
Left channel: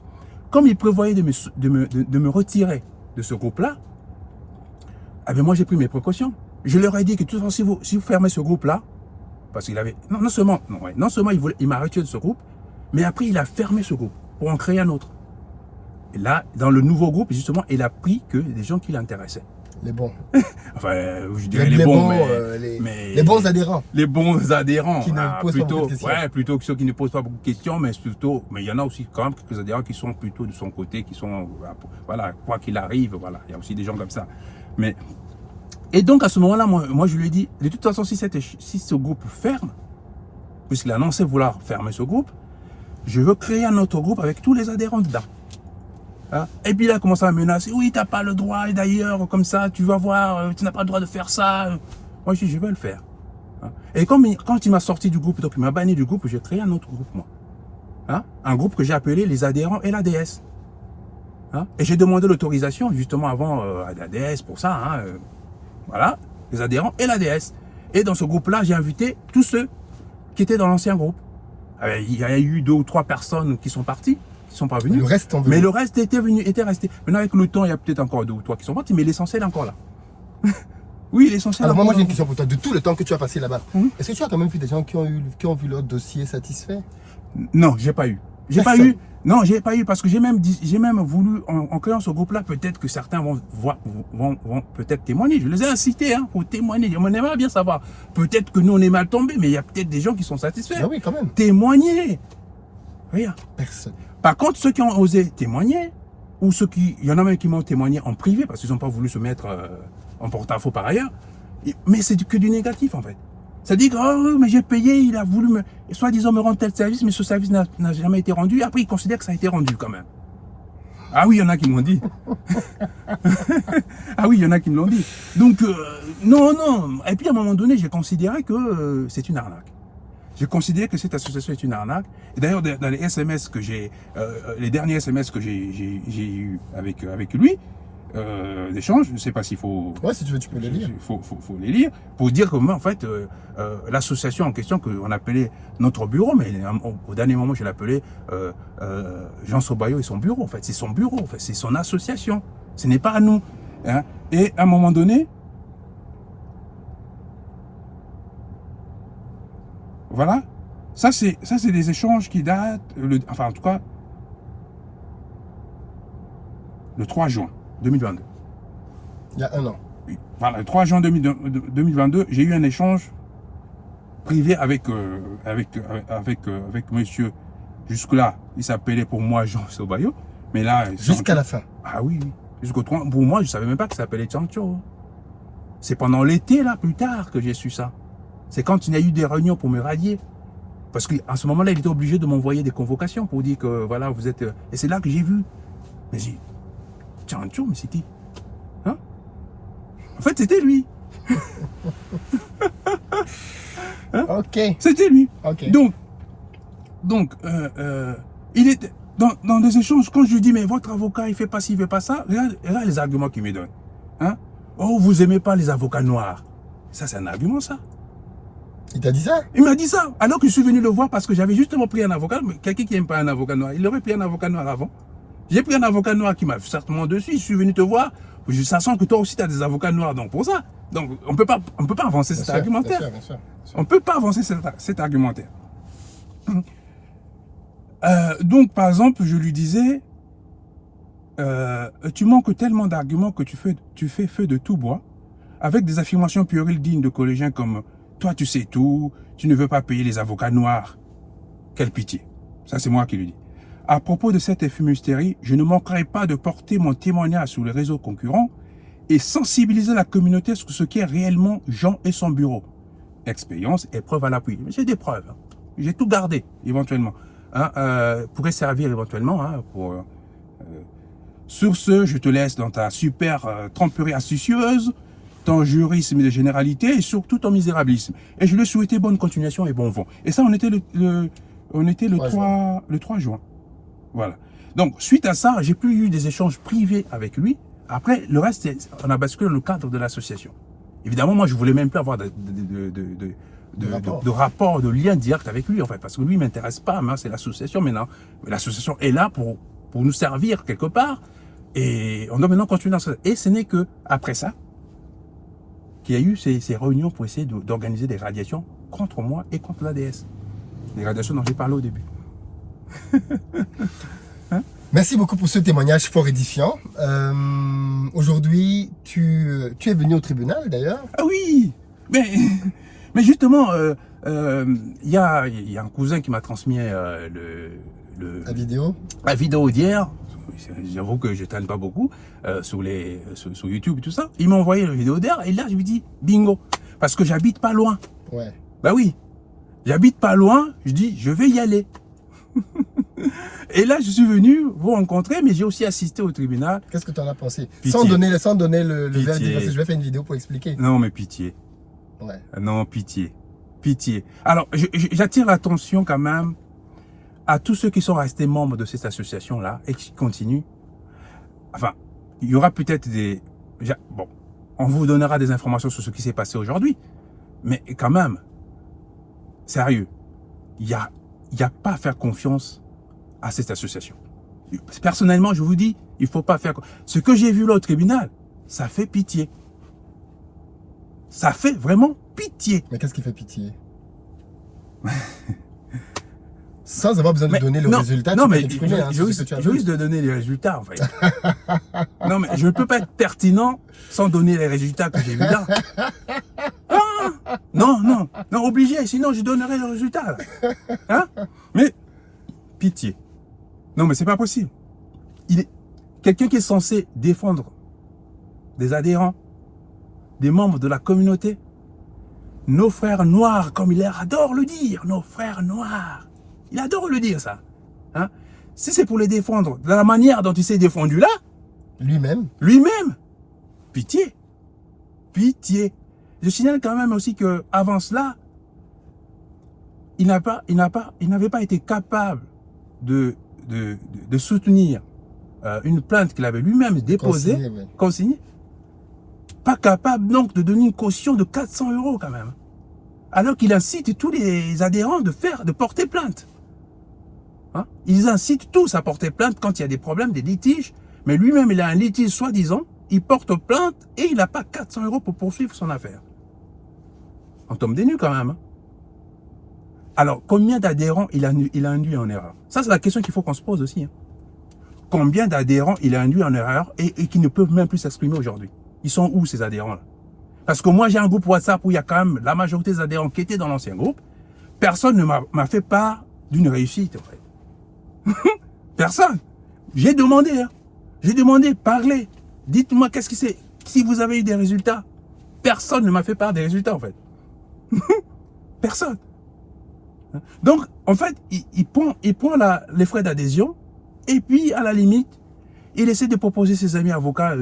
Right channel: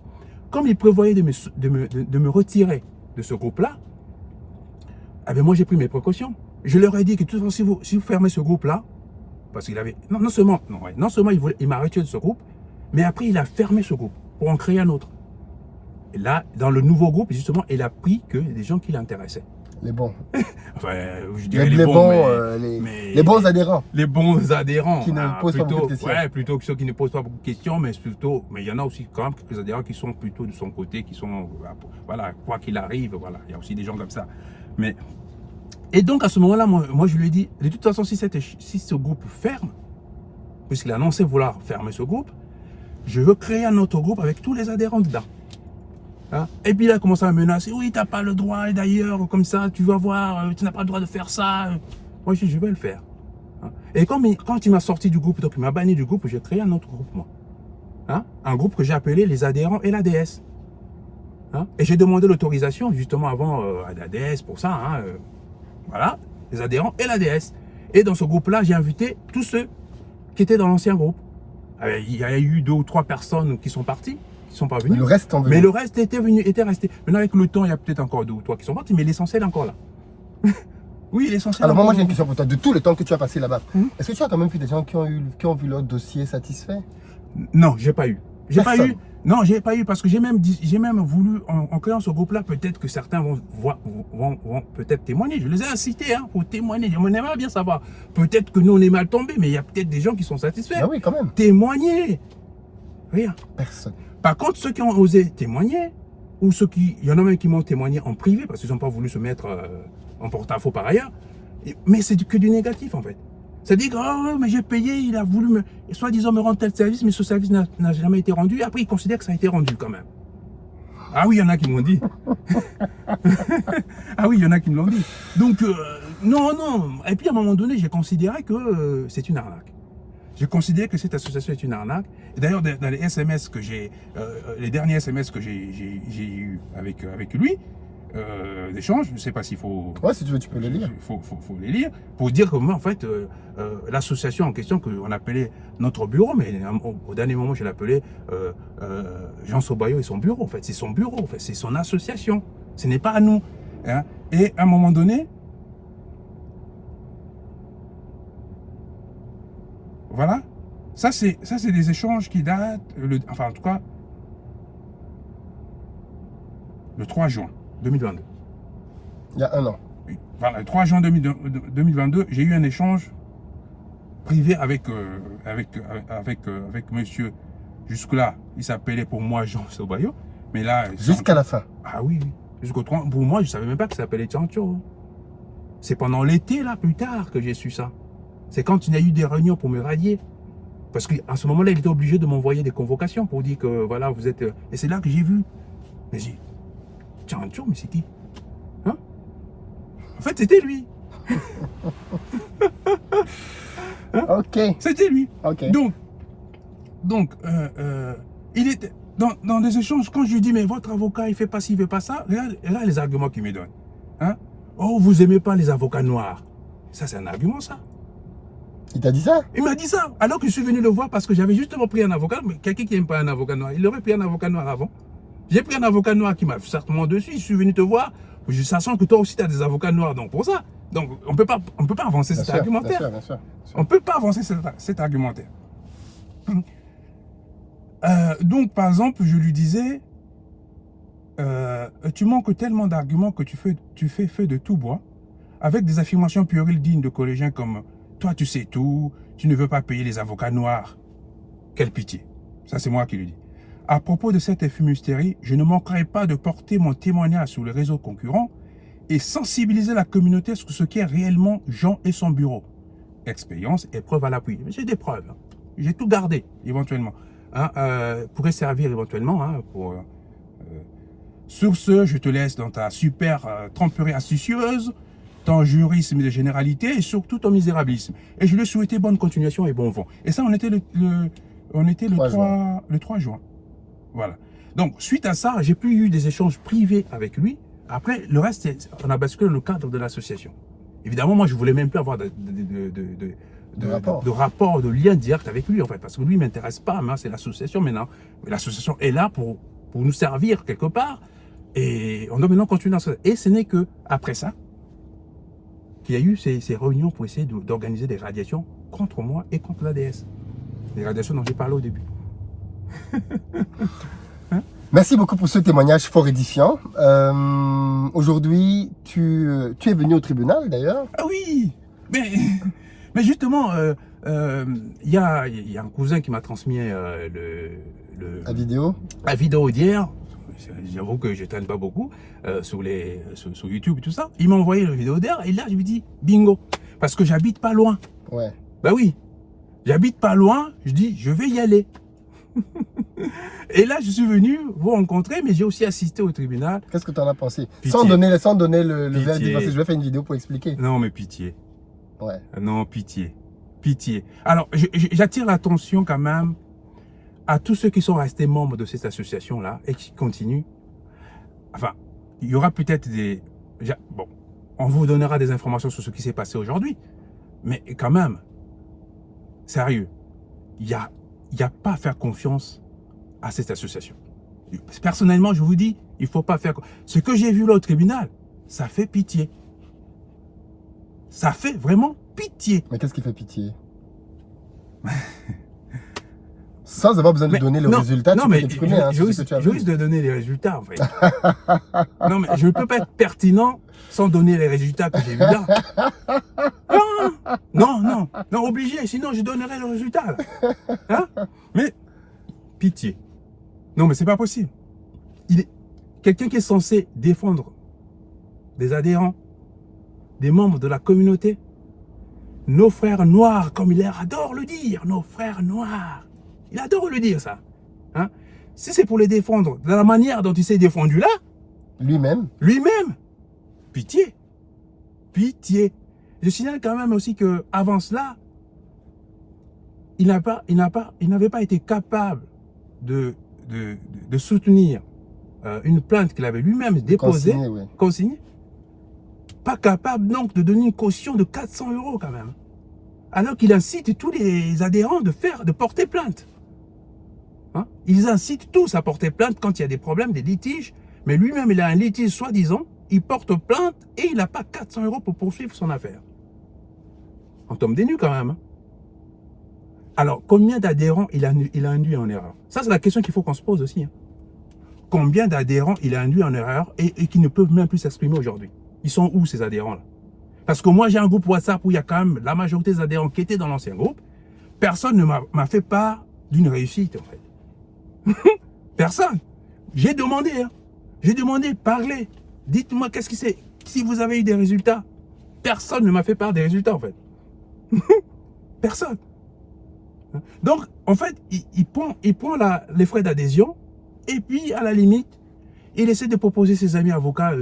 comme ils prévoyaient de me retirer de ce groupe-là, eh bien moi j'ai pris mes précautions. Je leur ai dit que de toute façon, si vous fermez ce groupe-là, parce qu'il avait. Non seulement il m'a retiré de ce groupe, mais après il a fermé ce groupe pour en créer un autre. Et là, dans le nouveau groupe, justement, il a pris que des gens qui l'intéressaient. Les bons. Enfin, je dirais les bons, les bons adhérents. Les bons adhérents. Qui ne posent pas beaucoup de questions. Ouais, plutôt que ceux qui ne posent pas beaucoup de questions, mais il y en a aussi quand même quelques adhérents qui sont plutôt de son côté, qui sont, voilà, quoi qu'il arrive, voilà, il y a aussi des gens comme ça. Mais, et donc à ce moment-là, moi je lui ai dit, de toute façon, si ce groupe ferme, puisqu'il a annoncé vouloir fermer ce groupe, je veux créer un autre groupe avec tous les adhérents dedans. Hein? Et puis là, il a commencé à me menacer. Oui, tu n'as pas le droit, et d'ailleurs, comme ça, tu vas voir, tu n'as pas le droit de faire ça. Moi, je dis, je vais le faire. Hein? Et quand il m'a sorti du groupe, donc il m'a banni du groupe, j'ai créé un autre groupe, moi. Hein? Un groupe que j'ai appelé les adhérents et la DS. Hein? Et j'ai demandé l'autorisation, justement, avant à la DS pour ça. Hein? Voilà, les adhérents et la DS. Et dans ce groupe-là, j'ai invité tous ceux qui étaient dans l'ancien groupe. Il y a eu 2 ou 3 personnes qui sont parties. Qui sont pas venus. Le reste en mais le reste était resté. Maintenant, avec le temps, il y a peut-être encore 2 ou 3 qui sont partis, mais l'essentiel est encore là. Oui, l'essentiel. Alors, moi, j'ai une question pour toi. De tout le temps que tu as passé là-bas, est-ce que tu as quand même vu des gens qui ont vu leur dossier satisfait? Non, j'ai pas eu. Non, j'ai pas eu parce que j'ai même voulu, en créant ce groupe-là, peut-être que certains vont peut-être témoigner. Je les ai incités pour témoigner. On aimerait bien savoir. Peut-être que nous, on est mal tombés, mais il y a peut-être des gens qui sont satisfaits. Ah oui, quand même. Témoigner. Rien. Personne. Par contre, ceux qui ont osé témoigner, ou il y en a même qui m'ont témoigné en privé parce qu'ils n'ont pas voulu se mettre en porte-à-faux par ailleurs, mais c'est que du négatif en fait. C'est-à-dire que oh, mais j'ai payé, il a voulu soi-disant me rendre tel service, mais ce service n'a jamais été rendu. Après, il considère que ça a été rendu quand même. Ah oui, il y en a qui m'ont dit. Ah oui, il y en a qui me l'ont dit. Donc, non. Et puis à un moment donné, j'ai considéré que c'est une arnaque. J'ai considéré que cette association est une arnaque. D'ailleurs, dans les SMS que les derniers SMS que j'ai eu avec lui, d'échange, je ne sais pas s'il faut. Ouais, si tu veux, tu peux les lire. Il faut les lire pour dire que moi, en fait, l'association en question qu'on appelait notre bureau, mais au dernier moment, je l'appelais Jean Sobayo et son bureau. En fait, c'est son bureau, en fait, c'est son association. Ce n'est pas à nous. Hein. Et à un moment donné. Voilà, ça c'est des échanges qui datent, enfin en tout cas, le 3 juin 2022. Il y a 1 an. Voilà, le 3 juin 2022, j'ai eu un échange privé avec monsieur, jusque-là, il s'appelait pour moi Jean Sobayo, mais là... Jusqu'à la fin. Ah oui, jusqu'au 3, pour moi, je ne savais même pas qu'il s'appelait Tchancho. C'est pendant l'été, là, plus tard, que j'ai su ça. C'est quand il y a eu des réunions pour me rallier. Parce qu'à ce moment-là, il était obligé de m'envoyer des convocations pour dire que voilà, vous êtes. Et c'est là que j'ai vu. Mais j'ai dit, Tchancho, mais c'est qui? Hein? En fait, c'était lui. Hein? Ok. C'était lui. Okay. Donc il était dans des échanges, quand je lui dis, mais votre avocat, il fait pas ci, il fait pas ça, regarde les arguments qu'il me donne. Hein? Oh, vous aimez pas les avocats noirs. Ça, c'est un argument, ça. Il t'a dit ça? Il m'a dit ça, alors que je suis venu le voir parce que j'avais justement pris un avocat, mais quelqu'un qui n'aime pas un avocat noir, il aurait pris un avocat noir avant. J'ai pris un avocat noir qui m'a certainement dessus, je suis venu te voir, ça sent que toi aussi tu as des avocats noirs, donc pour ça. Donc on peut pas avancer cet argumentaire. Bien sûr. On ne peut pas avancer cet argumentaire. Donc par exemple, je lui disais, tu manques tellement d'arguments que tu fais feu de tout bois, avec des affirmations puériles dignes de collégiens comme toi, tu sais tout, tu ne veux pas payer les avocats noirs. Quelle pitié. Ça, c'est moi qui le dis. À propos de cette fumisterie, je ne manquerai pas de porter mon témoignage sur les réseaux concurrents et sensibiliser la communauté sur ce qu'est réellement Jean et son bureau. Expérience et preuve à l'appui. J'ai des preuves. Hein. J'ai tout gardé, éventuellement. Hein, pourrait servir éventuellement pour Sur ce, je te laisse dans ta super tromperie astucieuse, ton jurisme de généralité et surtout ton misérabilisme. Et je lui souhaitais bonne continuation et bon vent. Et ça, on était le 3 juin. Voilà. Donc, suite à ça, j'ai plus eu des échanges privés avec lui. Après, le reste, on a basculé dans le cadre de l'association. Évidemment, moi, je voulais même plus avoir de rapport, de lien direct avec lui, en fait, parce que lui, il ne m'intéresse pas, hein, c'est l'association maintenant. Mais l'association est là pour nous servir quelque part, et on doit maintenant continuer dans ça. Et ce n'est que après ça qu'il y a eu ces réunions pour essayer d'organiser des radiations contre moi et contre l'ADS. Les radiations dont j'ai parlé au début. Merci beaucoup pour ce témoignage fort édifiant. Aujourd'hui, tu es venu au tribunal d'ailleurs. Ah oui, mais justement, il y a un cousin qui m'a transmis La vidéo. La vidéo d'hier. J'avoue que je ne traîne pas beaucoup sur YouTube et tout ça. Il m'a envoyé la vidéo d'hier et là, je lui dis bingo. Parce que j'habite pas loin. Ouais. Bah oui, j'habite pas loin. Je dis, je vais y aller. Et là, je suis venu vous rencontrer, mais j'ai aussi assisté au tribunal. Qu'est-ce que tu en as pensé? Pitié. Sans donner le verdict, parce que je vais faire une vidéo pour expliquer. Non, mais pitié. Ouais. Non, pitié. Pitié. Alors, j'attire l'attention quand même à tous ceux qui sont restés membres de cette association-là et qui continuent. Enfin, il y aura peut-être des... Bon, on vous donnera des informations sur ce qui s'est passé aujourd'hui. Mais quand même, sérieux, il n'y a pas à faire confiance à cette association. Personnellement, je vous dis, il ne faut pas faire... Ce que j'ai vu là au tribunal, ça fait pitié. Ça fait vraiment pitié. Mais qu'est-ce qui fait pitié? Sans avoir besoin de donner le résultat, non, tu mais peux t'exprimer, je risque de donner les résultats, en fait. Non, mais je ne peux pas être pertinent sans donner les résultats que j'ai vus là. Non, obligé, sinon je donnerai le résultat. Là. Hein? Mais, pitié. Non, mais c'est pas possible. Quelqu'un qui est censé défendre des adhérents, des membres de la communauté, nos frères noirs, comme il adore le dire, nos frères noirs. Il adore le dire, ça. Hein? Si c'est pour les défendre de la manière dont il s'est défendu là, lui-même, pitié. Pitié. Je signale quand même aussi que avant cela, il n'avait pas été capable de soutenir une plainte qu'il avait lui-même déposée, consignée. Pas capable donc de donner une caution de 400 € quand même. Alors qu'il incite tous les adhérents de porter plainte. Hein? Ils incitent tous à porter plainte quand il y a des problèmes, des litiges. Mais lui-même, il a un litige soi-disant. Il porte plainte et il n'a pas 400 € pour poursuivre son affaire. On tombe des nues quand même. Hein? Alors, combien d'adhérents il a induit en erreur? Ça, c'est la question qu'il faut qu'on se pose aussi. Hein? Combien d'adhérents il a induit en erreur et qui ne peuvent même plus s'exprimer aujourd'hui? Ils sont où ces adhérents-là? Parce que moi, j'ai un groupe WhatsApp où il y a quand même la majorité des adhérents qui étaient dans l'ancien groupe. Personne ne m'a fait part d'une réussite, en fait. Personne. J'ai demandé, hein. J'ai demandé, parlez. Dites-moi qu'est-ce que c'est. Si vous avez eu des résultats. Personne ne m'a fait part des résultats, en fait. Personne. Donc, en fait, il prend les frais d'adhésion et puis, à la limite, il essaie de proposer ses amis avocats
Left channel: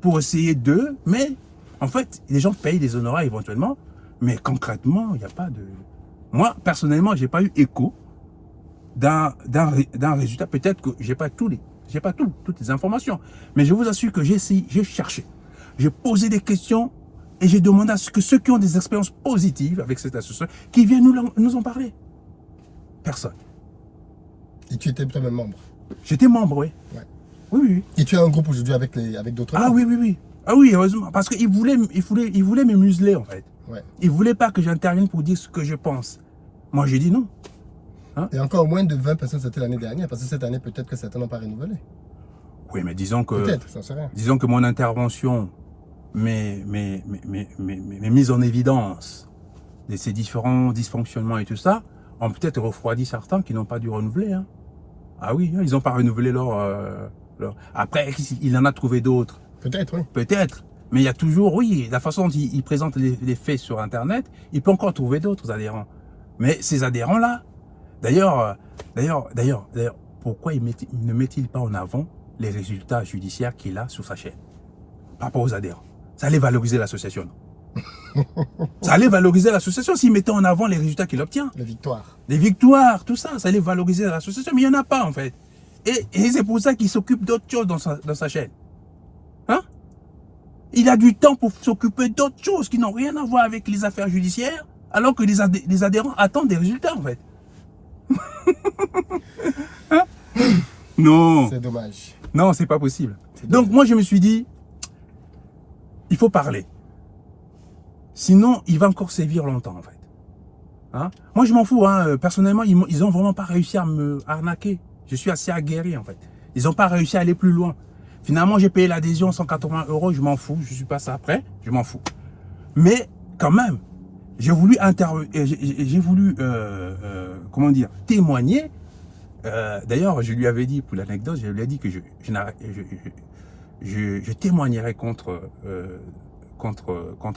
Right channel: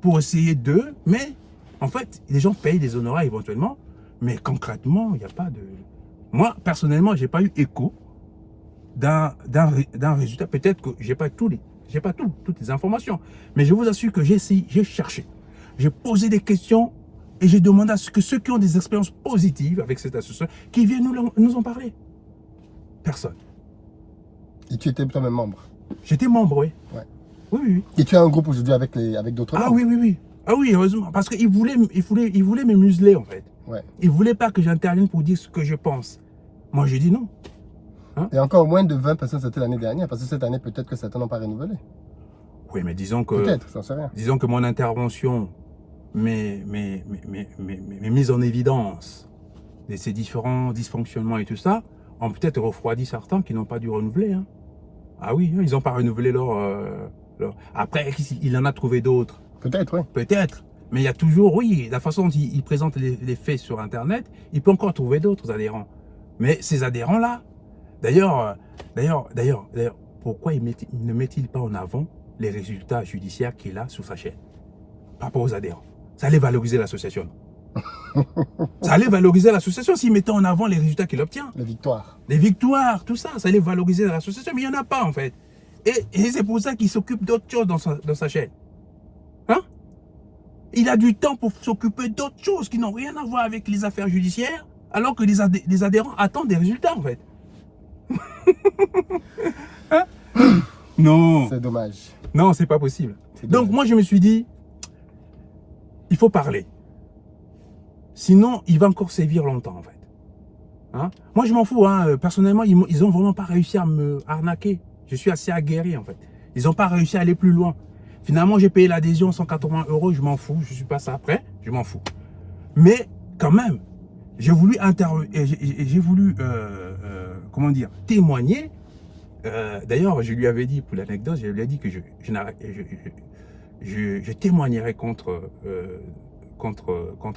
pour essayer d'eux, mais en fait, les gens payent des honoraires éventuellement, mais concrètement, il n'y a pas de... Moi, personnellement, je n'ai pas eu écho d'un résultat. Peut-être que je n'ai pas toutes les informations, mais je vous assure que j'ai cherché, j'ai posé des questions et j'ai demandé à ce que ceux qui ont des expériences positives avec cette association, qui viennent nous en parler. Personne. Et tu étais toi-même membre? J'étais membre, oui. Ouais. Oui. Et tu as un groupe aujourd'hui avec d'autres membres? Oui. Ah oui, heureusement. Parce qu'il voulait me museler, en fait. Ouais. Il ne voulait pas que j'intervienne pour dire ce que je pense. Moi, j'ai dit non. Hein? Et encore moins de 20 personnes, c'était l'année dernière, parce que cette année, peut-être que certains n'ont pas renouvelé. Oui, mais disons que... Peut-être, ça ne sait rien. Disons que mon intervention, mes mises en évidence de ces différents dysfonctionnements et tout ça, ont peut-être refroidi certains qui n'ont pas dû renouveler. Hein. Ah oui, ils n'ont pas renouvelé leur... Après, il en a trouvé d'autres. Peut-être, oui. Peut-être. Mais il y a toujours, oui, la façon dont il présente les faits sur Internet, il peut encore trouver d'autres adhérents. Mais ces adhérents-là, d'ailleurs, pourquoi ne met-il pas en avant les résultats judiciaires qu'il a sur sa chaîne par rapport aux adhérents. Ça allait valoriser l'association. Ça allait valoriser l'association s'il mettait en avant les résultats qu'il obtient. Les victoires. Les victoires, tout ça, ça allait valoriser l'association. Mais il n'y en a pas en fait. Et c'est pour ça qu'il s'occupe d'autres choses dans sa chaîne. Hein? Il a du temps pour s'occuper d'autres choses qui n'ont rien à voir avec les affaires judiciaires, alors que les adhérents attendent des résultats en fait. Hein? Non. C'est dommage. Non, c'est pas possible. C'est Donc dommage. moi je me suis dit, il faut parler. Sinon, il va encore sévir longtemps en fait. Hein? Moi je m'en fous, hein. Personnellement, ils ont vraiment pas réussi à me arnaquer. Je suis assez aguerri en fait. Ils n'ont pas réussi à aller plus loin. Finalement, j'ai payé l'adhésion 180 €, je m'en fous. Je suis pas ça après, je m'en fous. Mais quand même, j'ai voulu comment dire, témoigner. D'ailleurs, je lui avais dit, pour l'anecdote, je lui ai dit que je témoignerai contre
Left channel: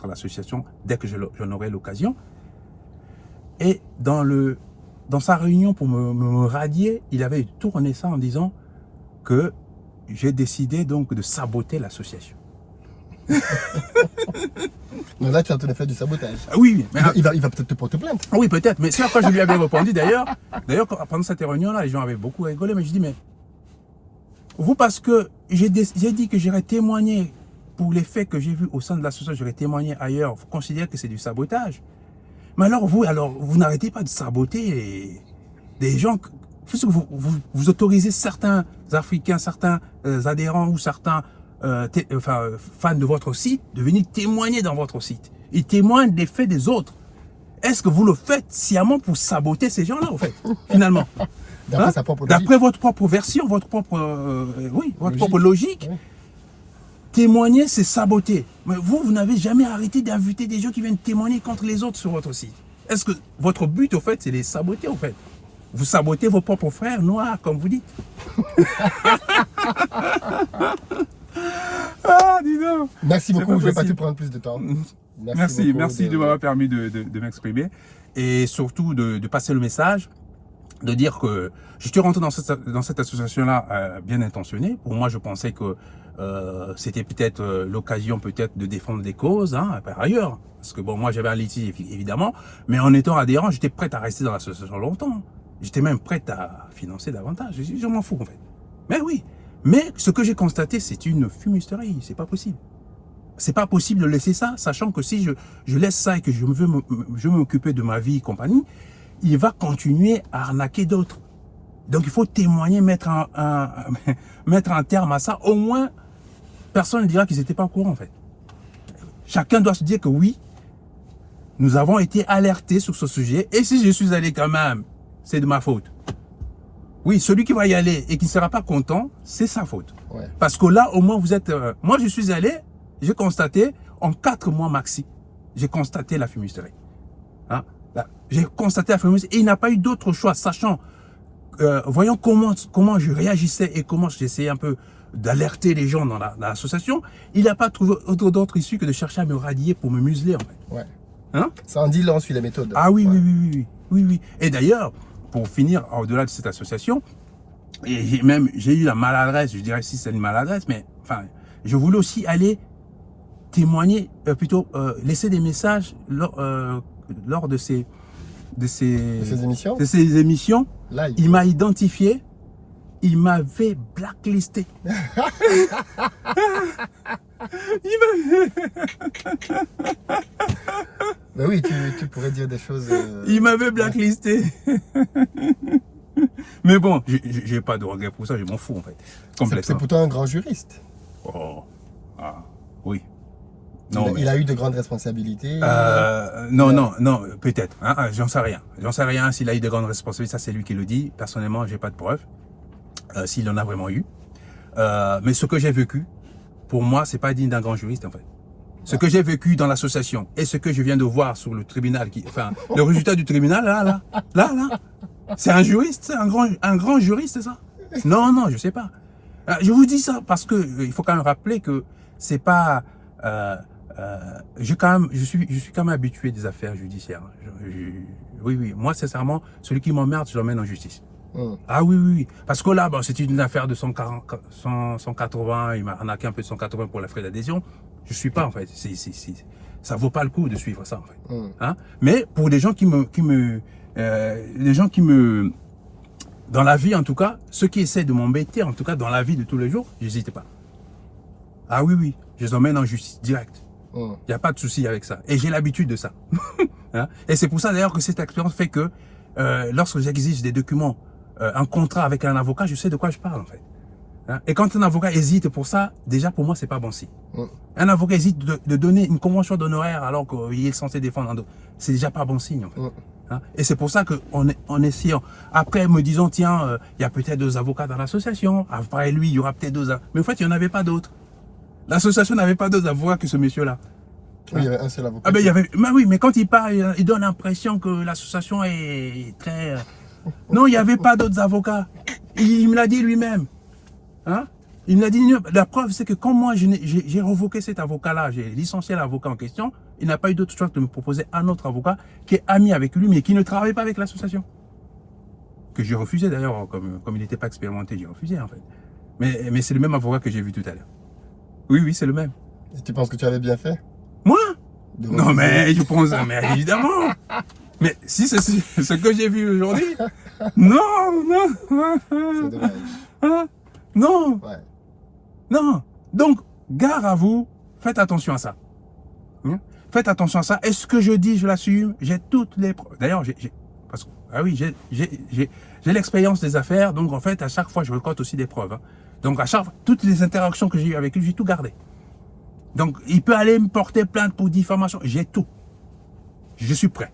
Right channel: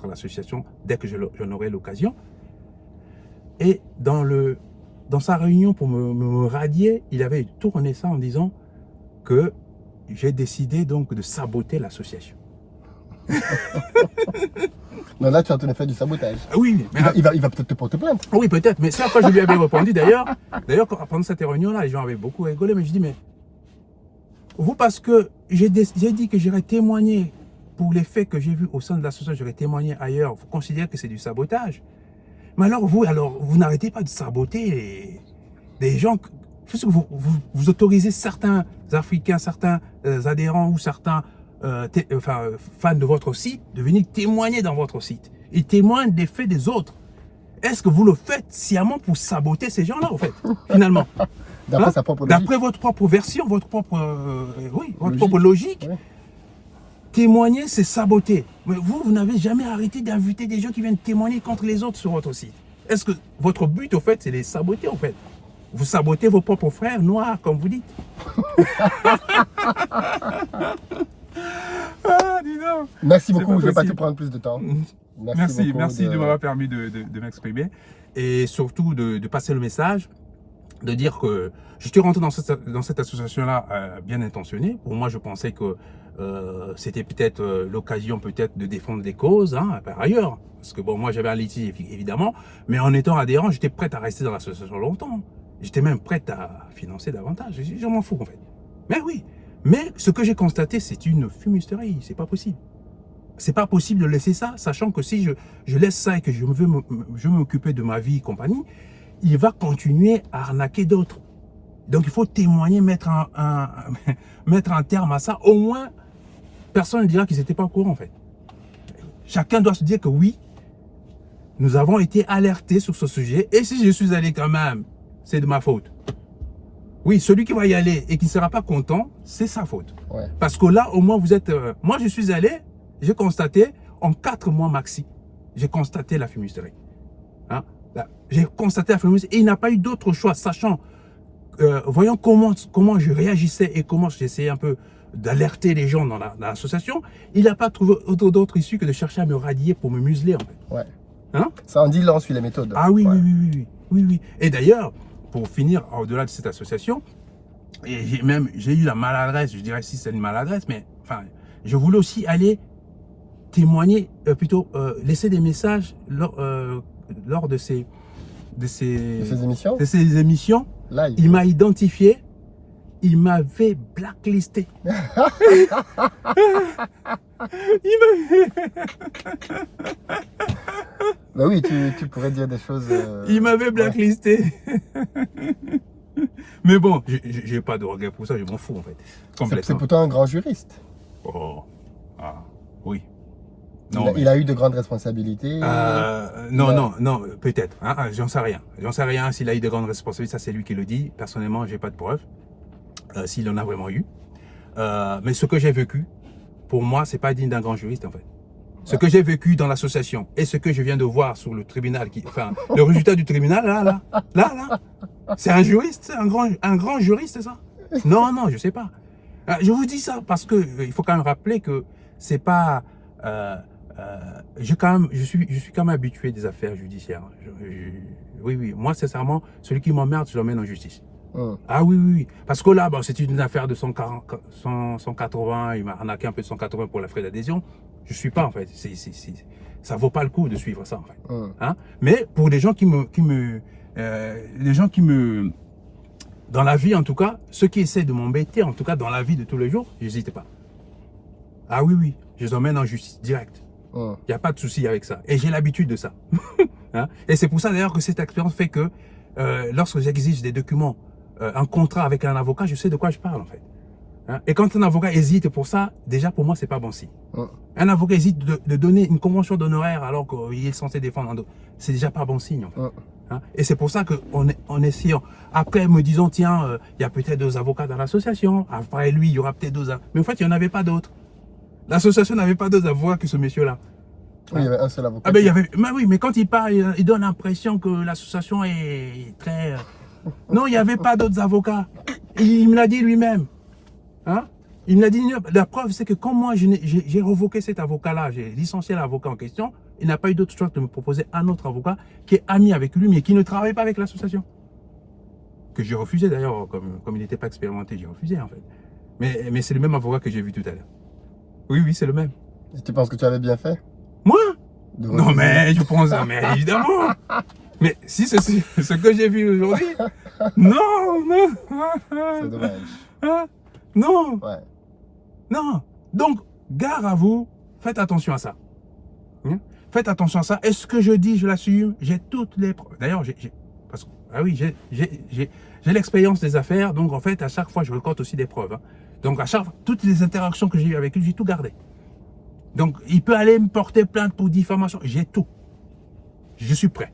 l'association dès que j'en aurai l'occasion. Et dans sa réunion pour me radier, il avait tourné ça en disant que j'ai décidé donc de saboter l'association. Non, là, tu es en train de faire du sabotage. Ah oui, mais, Il va peut-être te porter plainte. oui, peut-être. Mais c'est après que je lui avais répondu d'ailleurs. D'ailleurs, pendant cette réunion-là, les gens avaient beaucoup rigolé. Mais je dis, mais vous, parce que j'ai dit que j'aurais témoigné pour les faits que j'ai vus au sein de l'association, j'aurais témoigné ailleurs. Vous considérez que c'est du sabotage. Mais alors, vous n'arrêtez pas de saboter des gens. Vous autorisez certains Africains, certains adhérents ou certains fans de votre site de venir témoigner dans votre site. Ils témoignent des faits des autres. Est-ce que vous le faites sciemment pour saboter ces gens-là, en fait, finalement? D'après sa propre logique. D'après votre propre version, votre propre logique. Ouais. Témoigner, c'est saboter. Mais vous n'avez jamais arrêté d'inviter des gens qui viennent témoigner contre les autres sur votre site. Est-ce que votre but, au fait, c'est de les saboter, au fait? Vous sabotez vos propres frères noirs, comme vous dites. Ah, dis donc. Merci C'est beaucoup, pas je ne vais pas te possible. prendre plus de temps. Merci beaucoup de m'avoir permis de m'exprimer et surtout de passer le message, de dire que je suis rentré dans cette association-là bien intentionnée. Pour moi, je pensais que c'était peut-être l'occasion peut-être de défendre des causes, hein, par ailleurs. Parce que bon, moi j'avais un litige évidemment, mais en étant adhérent, j'étais prêt à rester dans l'association longtemps. J'étais même prêt à financer davantage. Je m'en fous en fait. Mais oui. Mais ce que j'ai constaté, c'est une fumisterie. C'est pas possible. C'est pas possible de laisser ça, sachant que si je laisse ça et que je veux m'occuper de ma vie et compagnie, il va continuer à arnaquer d'autres. Donc il faut témoigner, mettre un terme à ça. Au moins, personne ne dira qu'ils n'étaient pas au courant en fait. Chacun doit se dire que oui, nous avons été alertés sur ce sujet. Et si je suis allé quand même, c'est de ma faute. Oui, celui qui va y aller et qui ne sera pas content, c'est sa faute. Ouais. Parce que là, au moins, vous êtes... moi, je suis allé, j'ai constaté, en 4 mois maxi, j'ai constaté la fumisterie. Hein? J'ai constaté la fumisterie et il n'a pas eu d'autre choix, sachant, voyant comment je réagissais et comment j'essayais un peu d'alerter les gens dans l'association, il n'a pas trouvé d'autre issue que de chercher à me radier pour me museler, en fait. Ouais. Hein? Ça en dit long sur les méthodes. Ah oui, Ouais. oui. Et d'ailleurs, pour finir, au-delà de cette association, j'ai eu la maladresse, je dirais si c'est une maladresse, mais enfin, je voulais aussi aller témoigner, laisser des messages lors de ces émissions. Live. Il m'a identifié, il m'avait blacklisté. Bah oui, tu pourrais dire des choses. Il m'avait blacklisté. Mais bon, j'ai pas de regret pour ça, je m'en fous en fait. C'est Complètement. pourtant un grand juriste. Oh. Ah, oui. Il a eu de grandes responsabilités. Non, peut-être. Hein, j'en sais rien. J'en sais rien s'il a eu de grandes responsabilités. Ça, c'est lui qui le dit. Personnellement, j'ai pas de preuves. S'il en a vraiment eu. Mais ce que j'ai vécu, pour moi, c'est pas digne d'un grand juriste en fait. Ce que j'ai vécu dans l'association et ce que je viens de voir sur le tribunal, le résultat du tribunal, là, c'est un juriste, un grand juriste, c'est ça? Non, je sais pas. Je vous dis ça parce que il faut quand même rappeler que c'est pas. Je suis quand même habitué des affaires judiciaires. Oui. Moi, sincèrement, celui qui m'emmerde, je l'emmène en justice. Ah oui, oui, oui. Parce que là, bon, c'est une affaire de 180, il m'a arnaqué un peu de 180 pour la frais d'adhésion. Je ne suis pas, en fait. Ça ne vaut pas le coup de suivre ça, en fait. Hein? Mais pour les gens dans la vie, en tout cas, ceux qui essaient de m'embêter, en tout cas, dans la vie de tous les jours, n'hésitez pas. Ah oui, oui, je les emmène en justice, direct. Il n'y a pas de souci avec ça. Et j'ai l'habitude de ça. Hein? Et c'est pour ça, d'ailleurs, que cette expérience fait que lorsque j'exige des documents, un contrat avec un avocat, je sais de quoi je parle, en fait. Hein? Et quand un avocat hésite pour ça, déjà, pour moi, c'est pas bon signe. Un avocat hésite de donner une convention d'honoraires alors qu'il est censé défendre, c'est déjà pas bon signe, en fait. Hein? Et c'est pour ça qu'en essayant, après me disant, tiens, il y a peut-être 2 avocats dans l'association, après lui, il y aura peut-être 2 avocats. Mais en fait, il n'y en avait pas d'autres. L'association n'avait pas d'autres avocats que ce monsieur-là. Oui, il y avait un seul avocat. Ah ben, oui, mais quand il parle, il donne l'impression que l'association est très... Non, il n'y avait pas d'autres avocats. Il me l'a dit lui-même. Hein? Il me l'a dit. La preuve, c'est que quand moi, j'ai revoqué cet avocat-là, j'ai licencié l'avocat en question, il n'a pas eu d'autre choix que de me proposer un autre avocat qui est ami avec lui, mais qui ne travaille pas avec l'association. Que j'ai refusé d'ailleurs, comme il n'était pas expérimenté, j'ai refusé en fait. Mais c'est le même avocat que j'ai vu tout à l'heure. Oui, oui, c'est le même. Et tu penses que tu avais bien fait? Moi? Non, mais je pense, mais évidemment. Mais si c'est ce que j'ai vu aujourd'hui, non. C'est dommage. Hein? Non. Ouais. Non. Donc, gare à vous, faites attention à ça. Hein? Faites attention à ça. Est-ce que je dis, je l'assume? J'ai toutes les preuves. D'ailleurs, j'ai l'expérience des affaires, donc en fait, à chaque fois, je récolte aussi des preuves. Hein. Donc, à chaque fois, toutes les interactions que j'ai eues avec lui, j'ai tout gardé. Donc, il peut aller me porter plainte pour diffamation. J'ai tout. Je suis prêt.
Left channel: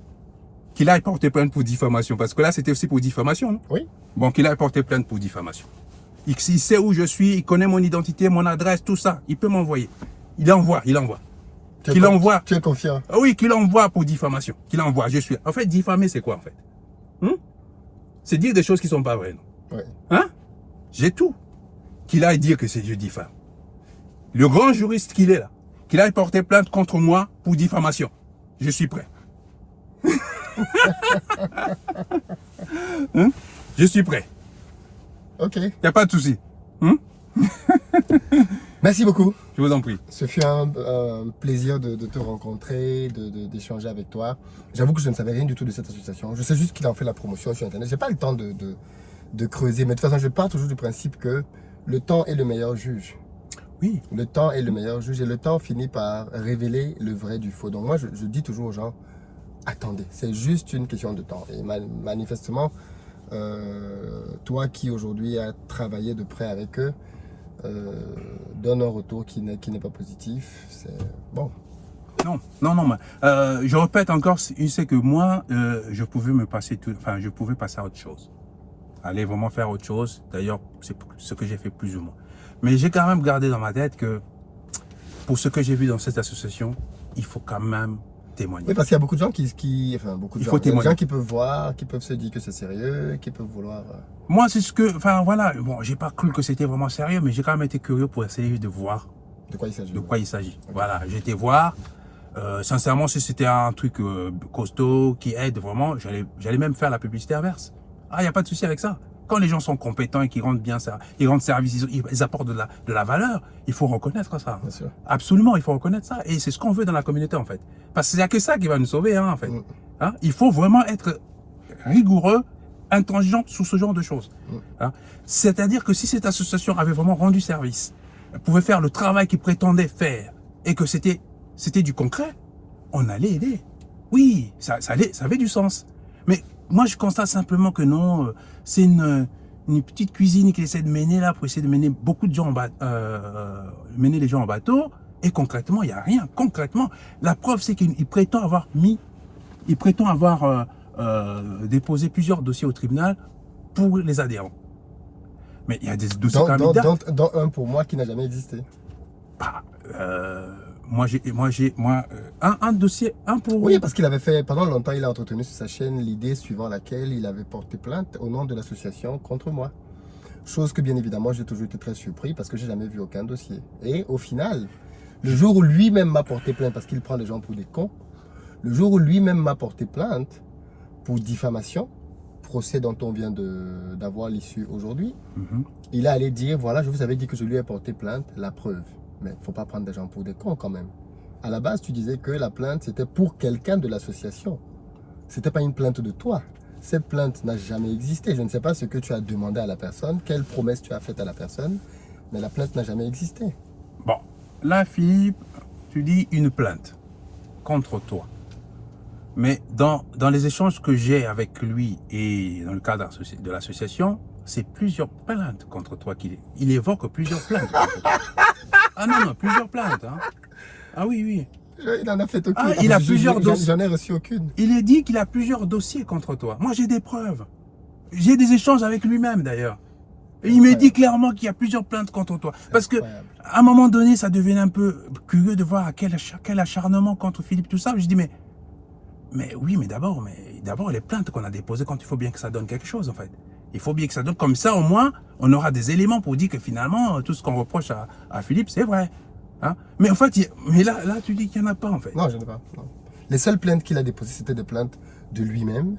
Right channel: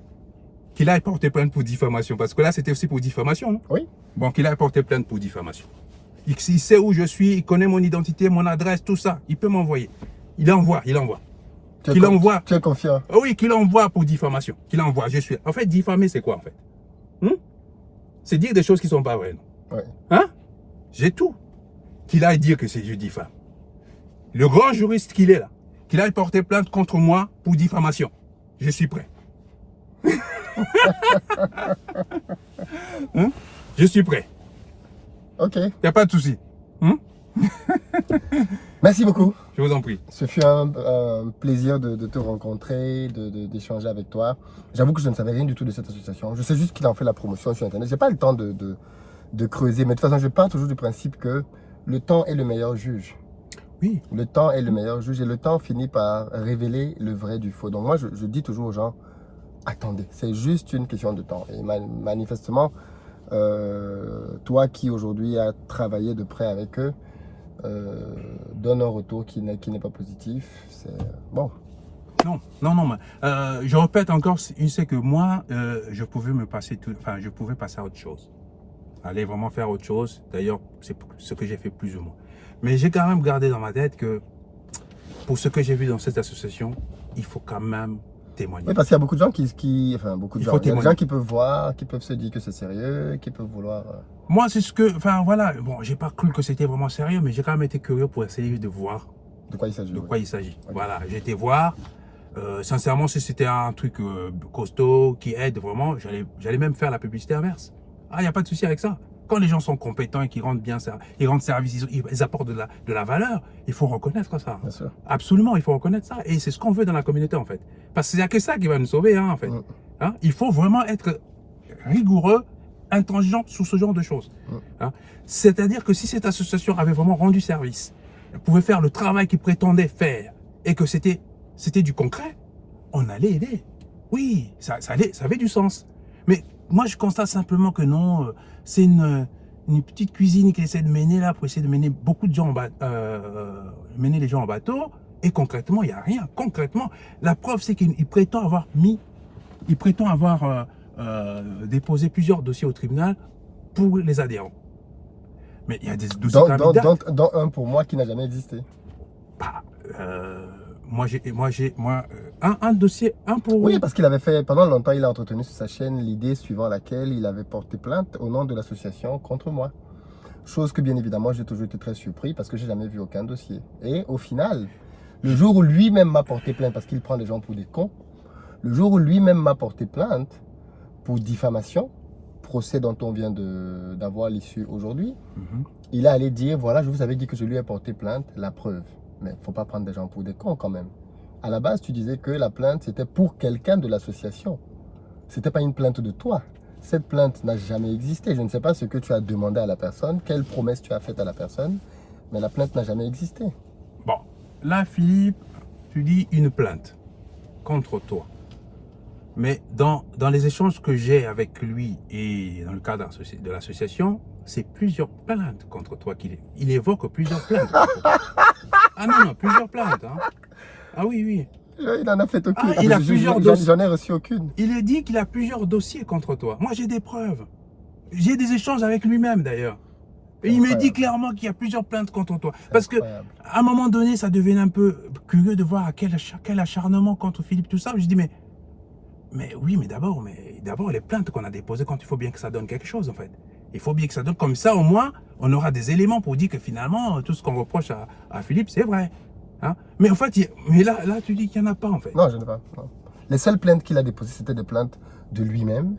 Qu'il aille porter plainte pour diffamation. Parce que là, c'était aussi pour diffamation. Non? Oui. Bon, qu'il aille porter plainte pour diffamation. Il sait où je suis, il connaît mon identité, mon adresse, tout ça. Il peut m'envoyer. Il envoie. Qu'il envoie. Tu es confiant. Oui, qu'il envoie pour diffamation. Qu'il envoie. Je suis. En fait, diffamer, c'est quoi en fait? C'est dire des choses qui ne sont pas vraies. Non? Ouais. Hein? J'ai tout. Qu'il aille dire que je diffame. Le grand juriste qu'il est là, qu'il aille porter plainte contre moi pour diffamation. Je suis prêt. Hein? Je suis prêt. Ok. Il n'y a pas de souci. Merci beaucoup. Je vous en prie. Ce fut un plaisir de te rencontrer, d'échanger avec toi. J'avoue que je ne savais rien du tout de cette association. Je sais juste qu'il en fait la promotion sur Internet. Je n'ai pas le temps de creuser. Mais de toute façon, je pars toujours du principe que le temps est le meilleur juge. Oui. Le temps est le meilleur juge et le temps finit par révéler le vrai du faux. Donc moi, je dis toujours aux gens, attendez, c'est juste une question de temps. Et manifestement, toi qui aujourd'hui as travaillé de près avec eux, donne un retour qui n'est pas positif. C'est bon. Non. Je répète encore, c'est que moi, je pouvais je pouvais passer à autre chose. Aller vraiment faire autre chose. D'ailleurs, c'est ce que j'ai fait plus ou moins. Mais j'ai quand même gardé dans ma tête que pour ce que j'ai vu dans cette association, il faut quand même témoigner. Oui, parce qu'il y a beaucoup de gens il y a des gens qui peuvent voir, qui peuvent se dire que c'est sérieux, qui peuvent vouloir... Moi, c'est ce que... Enfin, voilà. Bon, j'ai pas cru que c'était vraiment sérieux, mais j'ai quand même été curieux pour essayer de voir de quoi il s'agit. Okay. Voilà, j'ai été voir. Sincèrement, si c'était un truc costaud, qui aide vraiment, j'allais même faire la publicité inverse. Ah, il n'y a pas de souci avec ça. Quand les gens sont compétents et qu'ils rendent bien ça, ils rendent service, ils apportent de la valeur, il faut reconnaître ça. Bien sûr. Absolument, il faut reconnaître ça. Et c'est ce qu'on veut dans la communauté, en fait. Parce qu'il n'y a que ça qui va nous sauver, hein, en fait. Hein? Il faut vraiment être rigoureux, intransigeant sur ce genre de choses. Hein? C'est-à-dire que si cette association avait vraiment rendu service, elle pouvait faire le travail qu'il prétendait faire, et que c'était du concret, on allait aider. Oui, ça avait du sens. Mais moi, je constate simplement que non, c'est une petite cuisine qu'il essaie de mener là pour essayer de mener beaucoup de gens mener les gens en bateau. Et concrètement, il n'y a rien. Concrètement, la preuve, c'est qu'il prétend avoir déposé plusieurs dossiers au tribunal pour les adhérents. Mais il y a des dossiers candidats. Dans un pour moi qui n'a jamais existé. Bah, un dossier, un pour... Oui, parce qu'il avait fait, pendant longtemps, il a entretenu sur sa chaîne l'idée suivant laquelle il avait porté plainte au nom de l'association contre moi. Chose que, bien évidemment, j'ai toujours été très surpris parce que j'ai jamais vu aucun dossier. Et au final, le jour où lui-même m'a porté plainte, parce qu'il prend les gens pour des cons, le jour où lui-même m'a porté plainte pour diffamation, procès dont on vient d'avoir l'issue aujourd'hui, Mhm. il est allé dire, voilà, je vous avais dit que je lui ai porté plainte, la preuve. Mais il ne faut pas prendre des gens pour des cons quand même. À la base, tu disais que la plainte, c'était pour quelqu'un de l'association. Ce n'était pas une plainte de toi. Cette plainte n'a jamais existé. Je ne sais pas ce que tu as demandé à la personne, quelle promesse tu as faite à la personne, mais la plainte n'a jamais existé. Bon, là, Philippe, tu dis une plainte contre toi. Mais dans les échanges que j'ai avec lui et dans le cadre de l'association, c'est plusieurs plaintes contre toi il évoque plusieurs plaintes contre toi. Ah non, plusieurs plaintes. Hein. Ah oui, oui. Il n'en a fait aucune. Ah, il a plusieurs dossiers. J'en ai reçu aucune. Il est dit qu'il a plusieurs dossiers contre toi. Moi, j'ai des preuves. J'ai des échanges avec lui-même d'ailleurs. Et il me dit clairement qu'il y a plusieurs plaintes contre toi. Parce que à un moment donné, ça devenait un peu curieux de voir quel acharnement contre Philippe, tout ça. Je dis, mais oui, mais d'abord, les plaintes qu'on a déposées, quand il faut bien que ça donne quelque chose, en fait. Il faut bien que ça donne comme ça, au moins, on aura des éléments pour dire que finalement, tout ce qu'on reproche à Philippe, c'est vrai. Hein? Mais en fait, là, tu dis qu'il n'y en a pas, en fait. Non, je ne sais pas. Non. Les seules plaintes qu'il a déposées, c'était des plaintes de lui-même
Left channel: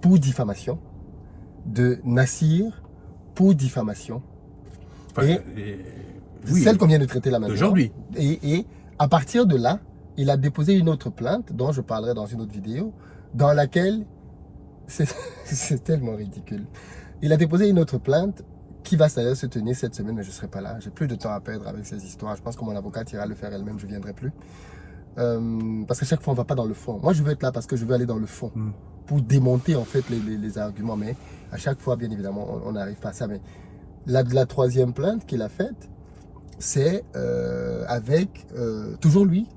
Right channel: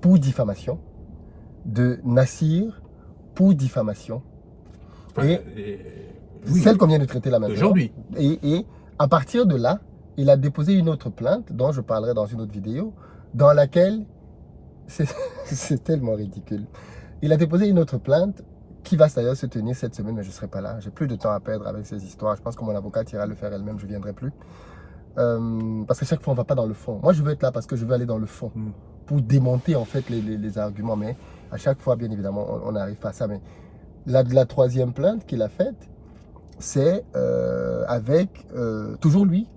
pour diffamation, de Nassir pour diffamation. Enfin, oui, celle qu'on vient de traiter là maintenant. Aujourd'hui. Et à partir de là, il a déposé une autre plainte, dont je parlerai dans une autre vidéo, dans laquelle, c'est tellement ridicule, il a déposé une autre plainte qui va d'ailleurs se tenir cette semaine, mais je ne serai pas là. J'ai plus de temps à perdre avec ces histoires. Je pense que mon avocate ira le faire elle-même, je ne viendrai plus. Parce qu'à chaque fois, on ne va pas dans le fond. Moi, je veux être là parce que je veux aller dans le fond, pour démonter en fait les arguments. Mais à chaque fois, bien évidemment, on n'arrive pas à ça. Mais la troisième plainte qu'il a faite, c'est avec toujours lui,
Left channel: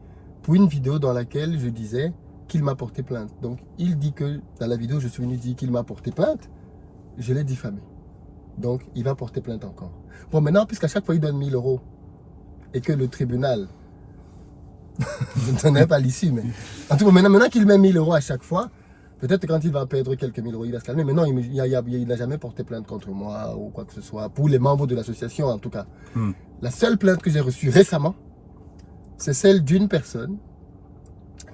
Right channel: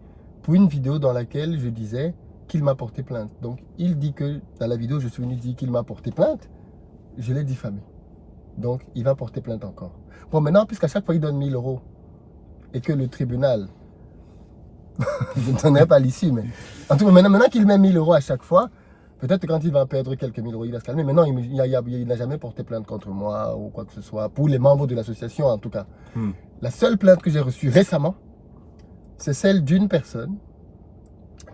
pour une vidéo dans laquelle je disais qu'il m'a porté plainte. Donc, il dit que dans la vidéo, je suis venu dire qu'il m'a porté plainte, je l'ai diffamé. Donc, il va porter plainte encore. Bon, maintenant, puisqu'à chaque fois, il donne 1000 € et que le tribunal, je ne donnerai pas l'issue, mais en tout cas, maintenant qu'il met 1000 € à chaque fois, peut-être que quand il va perdre quelques 1000 €, il va se calmer. Mais non, il n'a jamais porté plainte contre moi ou quoi que ce soit, pour les membres de l'association en tout cas. La seule plainte que j'ai reçue récemment, c'est celle d'une personne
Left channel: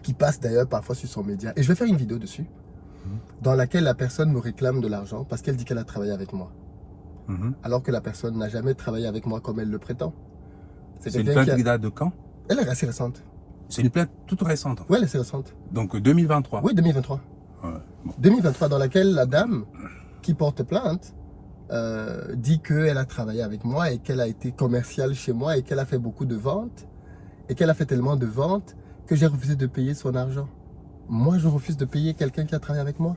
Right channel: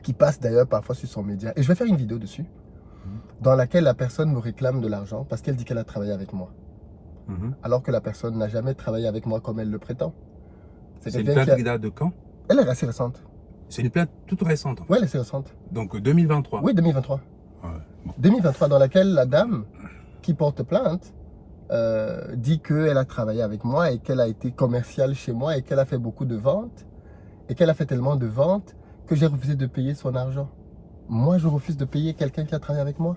qui passe d'ailleurs parfois sur son média. Et je vais faire une vidéo dessus, dans laquelle la personne me réclame de l'argent parce qu'elle dit qu'elle a travaillé avec moi. Alors que la personne n'a jamais travaillé avec moi comme elle le prétend. C'est une plainte qui date de quand? Elle est assez récente. C'est une plainte toute récente. En fait. Oui, elle est assez récente. Donc 2023. Oui, 2023. Ouais. Bon. 2023, dans laquelle la dame qui porte plainte dit qu'elle a travaillé avec moi et qu'elle a été commerciale chez moi et qu'elle a fait beaucoup de ventes et qu'elle a fait tellement de ventes que j'ai refusé de payer son argent. Moi, je refuse de payer quelqu'un qui a travaillé avec moi.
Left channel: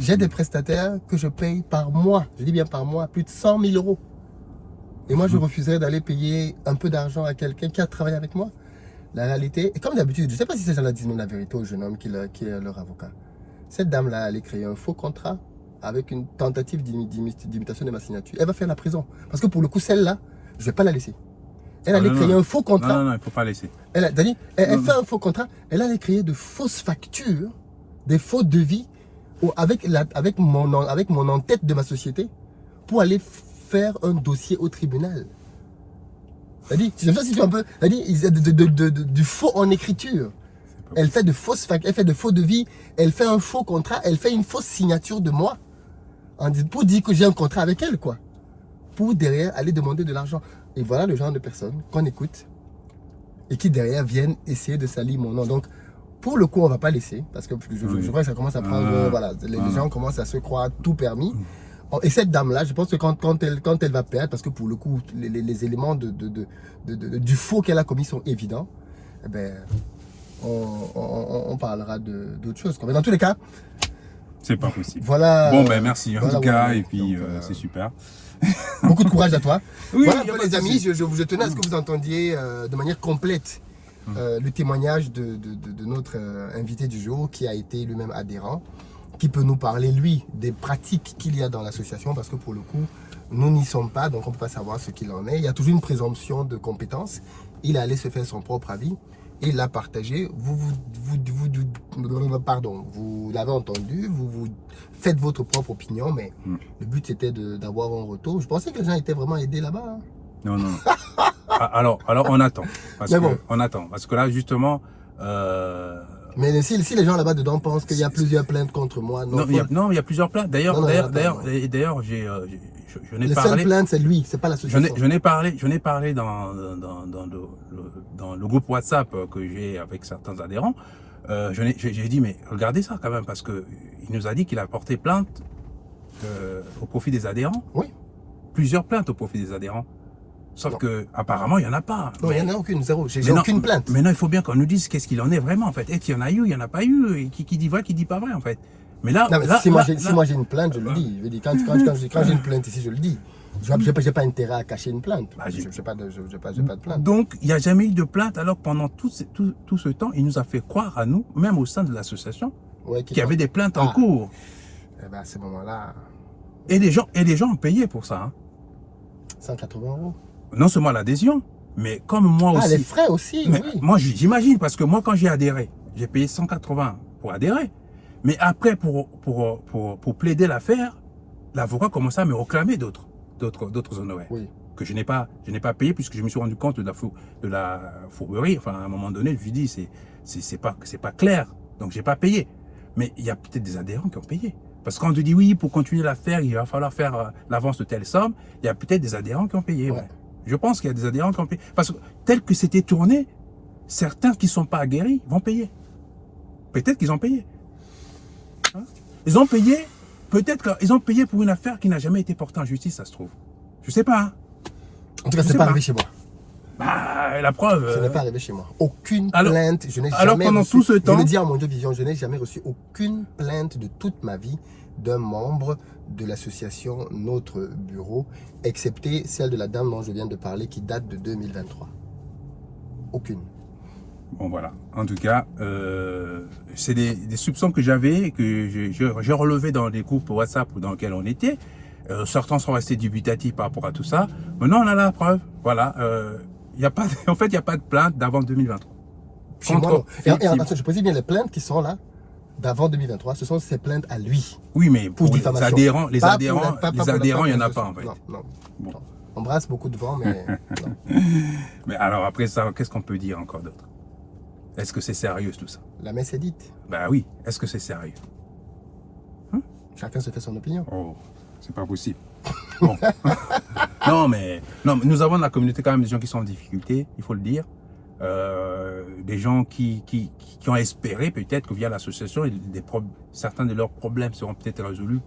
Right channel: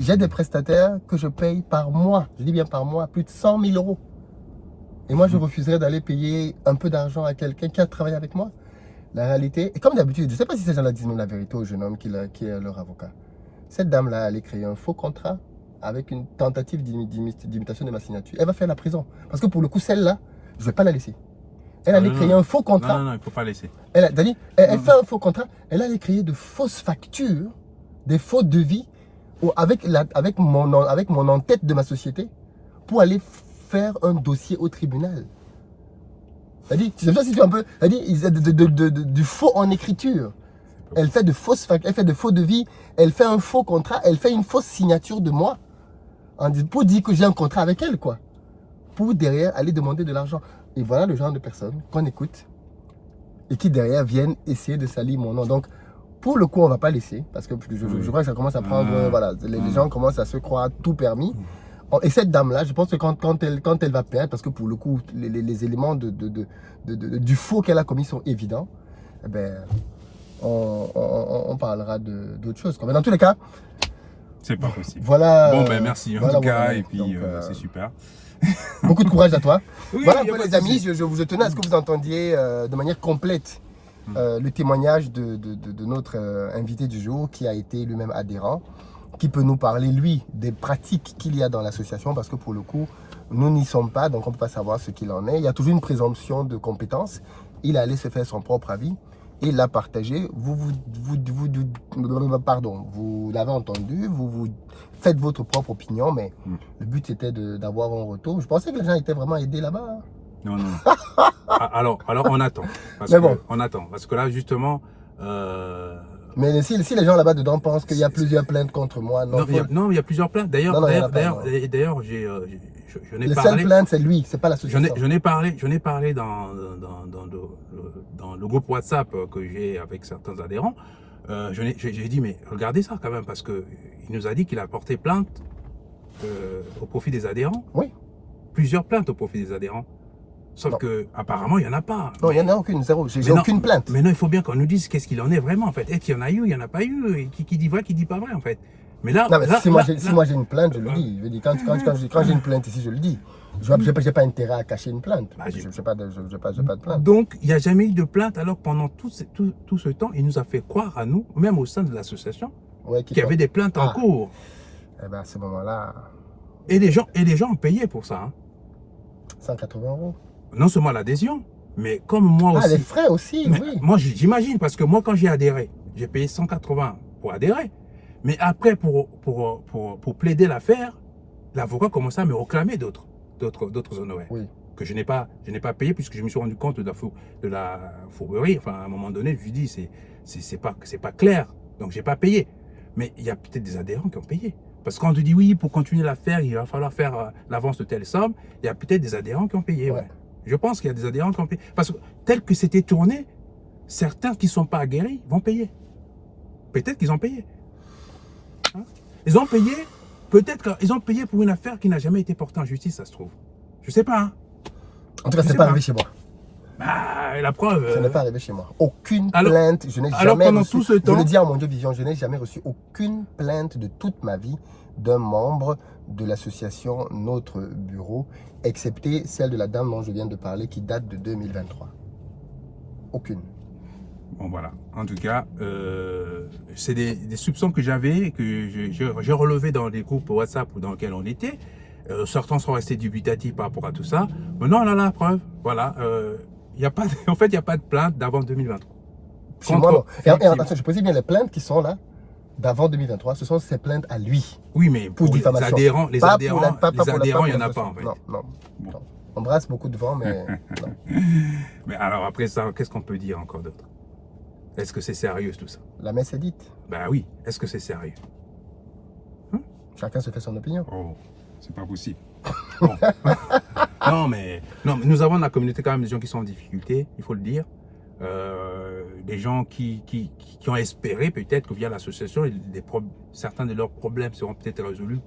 J'ai des prestataires que je paye par mois, je dis bien par mois, plus de 100 000 €. Et moi, je refuserais d'aller payer un peu d'argent à quelqu'un qui a travaillé avec moi. La réalité, et comme d'habitude, je ne sais pas si ces gens-là disent la vérité au jeune homme qui est leur avocat. Cette dame-là allait créer un faux contrat avec une tentative d'imitation de ma signature. Elle va faire la prison. Parce que pour le coup, celle-là, je ne vais pas la laisser. Elle allait créer un faux contrat. Non, il ne faut pas laisser. Elle fait un faux contrat. Elle allait créer de fausses factures, des faux devis avec mon en-tête de ma société pour aller faire un dossier au tribunal. C'est-à-dire, si tu un peu, du faux en écriture. Elle fait de fausses factures, elle fait de faux devis, elle fait un faux contrat, elle fait une fausse signature de moi pour dire que j'ai un contrat avec elle, quoi. Pour derrière aller demander de l'argent. Et voilà le genre de personnes qu'on écoute et qui derrière viennent essayer de salir mon nom. Donc, pour le coup, on ne va pas laisser parce que je crois que ça commence à prendre. Voilà, les gens commencent à se croire tout permis. Et cette dame-là, je pense que quand elle va perdre, parce que pour le coup, les éléments du faux qu'elle a commis sont évidents, eh ben, on parlera d'autres choses. Mais dans tous les cas, c'est pas possible. Voilà. Bon, ben merci en voilà, tout cas, voilà. et puis Donc, c'est super. Beaucoup de courage à toi. Oui, voilà un peu les amis, je tenais à ce que vous entendiez de manière complète le témoignage de notre invité du jour qui a été lui-même adhérent, qui peut nous parler, lui, des pratiques qu'il y a dans l'association, parce que pour le coup, nous n'y sommes pas, donc on ne peut pas savoir ce qu'il en est. Il y a toujours une présomption de compétence. Il est allé se faire son propre avis et il l'a partagé. Vous l'avez entendu, vous faites votre propre opinion, mais le but c'était d'avoir un retour. Je pensais que les gens étaient vraiment aidés là-bas. Hein. Non. Alors on attend. On attend. Parce que là, justement, Mais si les gens là-bas dedans pensent qu'il y a plusieurs plaintes contre moi, non. Non, il y a plusieurs plaintes. D'ailleurs, Non, il y en a pas, non. je n'ai Les seules parlé. plaintes, c'est lui, c'est pas Je l'association. n'ai parlé dans le groupe WhatsApp que j'ai avec certains adhérents. J'ai dit, mais regardez ça quand même, parce qu'il nous a dit qu'il a porté plainte au profit des adhérents. Oui. Plusieurs plaintes au profit des adhérents. Sauf Non. que apparemment il n'y en a pas. Non, il n'y en a aucune, zéro. J'ai Mais non, aucune plainte. Mais non, il faut bien qu'on nous dise qu'est-ce qu'il en est vraiment en fait. Est-ce qu'il y en a eu, il n'y en a pas eu, et qui dit vrai, qui dit pas vrai en fait. Mais là, Non, mais là, si moi là- j'ai une plainte, je le dis. Je dis quand j'ai une plainte ici, je le dis. Je n'ai pas intérêt à cacher une plainte. Bah, Je n'ai pas de plainte. Donc, il n'y a jamais eu de plainte, alors que pendant tout ce temps, il nous a fait croire à nous, même au sein de l'association, Ouais, qu'il y avait des plaintes en cours. Eh bien, à ce moment-là, Et les gens ont payé pour ça. Hein. 180 €. Non seulement l'adhésion, mais comme moi Ah, aussi. les frais aussi, Mais oui. moi, j'imagine, parce que moi, quand j'ai adhéré, j'ai payé 180 pour adhérer. Mais après, pour plaider l'affaire, l'avocat commençait à me réclamer d'autres honoraires. Oui. Que je n'ai pas payé, puisque je me suis rendu compte de la fourberie. Enfin, à un moment donné, je lui dis, c'est pas clair. Donc, j'ai pas payé. Mais il y a peut-être des adhérents qui ont payé. Parce que quand on te dit, oui, pour continuer l'affaire, il va falloir faire l'avance de telle somme, il y a peut-être des adhérents qui ont payé. Ouais. Ouais. Je pense qu'il y a des adhérents qui ont payé. Parce que tel que c'était tourné, certains qui ne sont pas aguerris vont payer. Peut-être qu'ils ont payé. Hein? Ils ont payé, peut-être qu'ils ont payé pour une affaire qui n'a jamais été portée en justice, ça se trouve. Je sais pas. Hein? En tout cas, Je ce sais n'est pas pas. arrivé chez moi. Bah, la preuve. Ce n'est pas arrivé chez moi. Aucune Alors- plainte. Je n'ai alors jamais pendant reçu. tout ce temps- Je le dis à mon Dieu Vision, je n'ai jamais reçu aucune plainte de toute ma vie d'un membre de l'association Notre Bureau, excepté celle de la dame dont je viens de parler qui date de 2023. Aucune. Bon, voilà. En tout cas, c'est des soupçons que j'avais, que j'ai relevés dans les groupes WhatsApp dans lesquels on était. Certains sont restés dubitatifs par rapport à tout ça. Maintenant, on a la preuve. Voilà. Y a pas en fait, il n'y a pas de plainte d'avant 2023. Chez moi, non. Et Philippe. attends, je précise bien les plaintes qui sont là d'avant 2023. Ce sont ces plaintes à lui. Oui, mais pour les diffamation. adhérents, Pas pour la- il n'y en a pour pas la- en fait. Non, non. Bon. Non. On brasse beaucoup de vent, mais non. Mais alors après ça, qu'est-ce qu'on peut dire encore d'autre? Est-ce que c'est sérieux tout ça? La messe est dite. Ben oui, est-ce que c'est sérieux? Chacun se fait son opinion. Oh, c'est pas possible. Bon. non, mais nous avons dans la communauté quand même des gens qui sont en difficulté, il faut le dire. Des gens qui ont espéré peut-être que via l'association, certains de leurs problèmes seront peut-être résolus.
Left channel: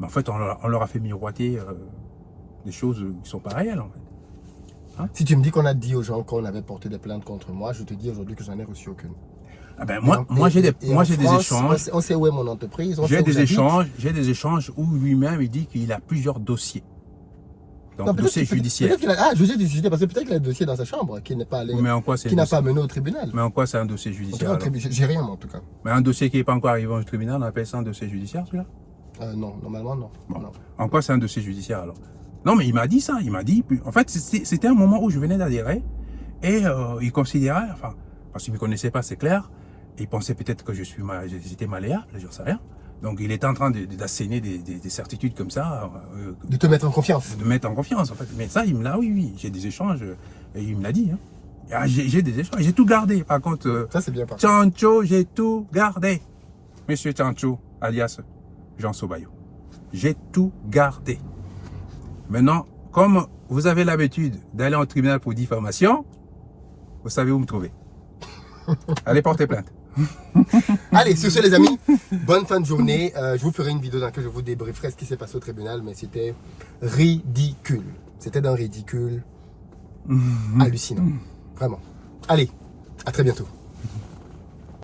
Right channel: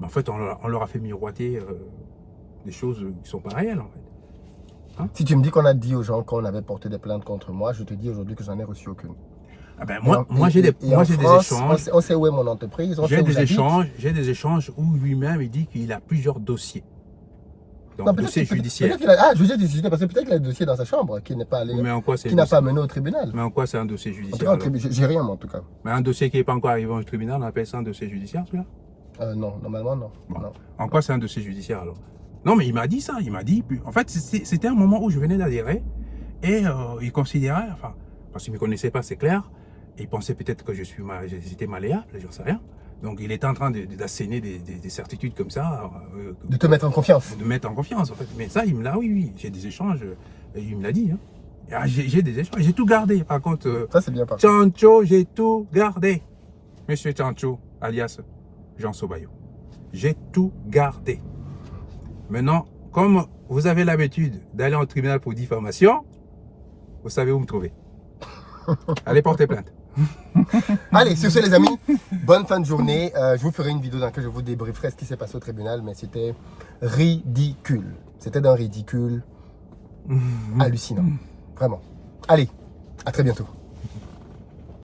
Mais en fait, on leur a fait miroiter des choses qui ne sont pas réelles en fait. Si tu me dis qu'on a dit aux gens qu'on avait porté des plaintes contre moi, je te dis aujourd'hui que j'en ai reçu aucune. Ah ben, moi j'ai des échanges. On sait où est mon entreprise. On sait J'ai où j'habite. j'ai des échanges où lui-même il dit qu'il a plusieurs dossiers. Donc, Non, peut-être dossiers qu'il- judiciaires. peut-être qu'il a- Ah, judiciaire, parce que peut-être qu'il a un dossier dans sa chambre qui n'est pas allé, Mais en quoi c'est qui n'a pas mené au tribunal. Mais en quoi c'est un dossier En tout judiciaire cas, alors? j'ai rien, moi, en tout cas. Mais un dossier qui n'est pas encore arrivé au tribunal, on appelle ça un dossier judiciaire celui-là? Non, normalement, non. Bon. Non. En quoi c'est un dossier judiciaire alors? Non, mais il m'a dit ça. Il m'a dit. En fait, c'était un moment où je venais d'adhérer et il considérait, enfin, parce qu'il ne me connaissait pas, c'est clair, il pensait peut-être que j'étais malléable, je ne sais rien. Donc il était en train d'asséner des certitudes comme ça, De te mettre en confiance. de mettre en confiance en fait. Mais ça, il me l'a, oui, j'ai des échanges, et il me l'a dit. Hein. Ah, j'ai des échanges, j'ai tout gardé. Par contre, Ça, c'est bien parti. Tchancho, j'ai tout gardé. Monsieur Tchancho, alias Jean Sobayo. J'ai tout gardé. Maintenant, comme vous avez l'habitude d'aller en tribunal pour diffamation, vous savez où me trouver. Allez porter plainte. Allez, sur ce, les amis, bonne fin de journée. Je vous ferai une vidéo dans laquelle je vous débrieferai ce qui s'est passé au tribunal, mais c'était ridicule. C'était d'un ridicule hallucinant. Vraiment. Allez, à très bientôt.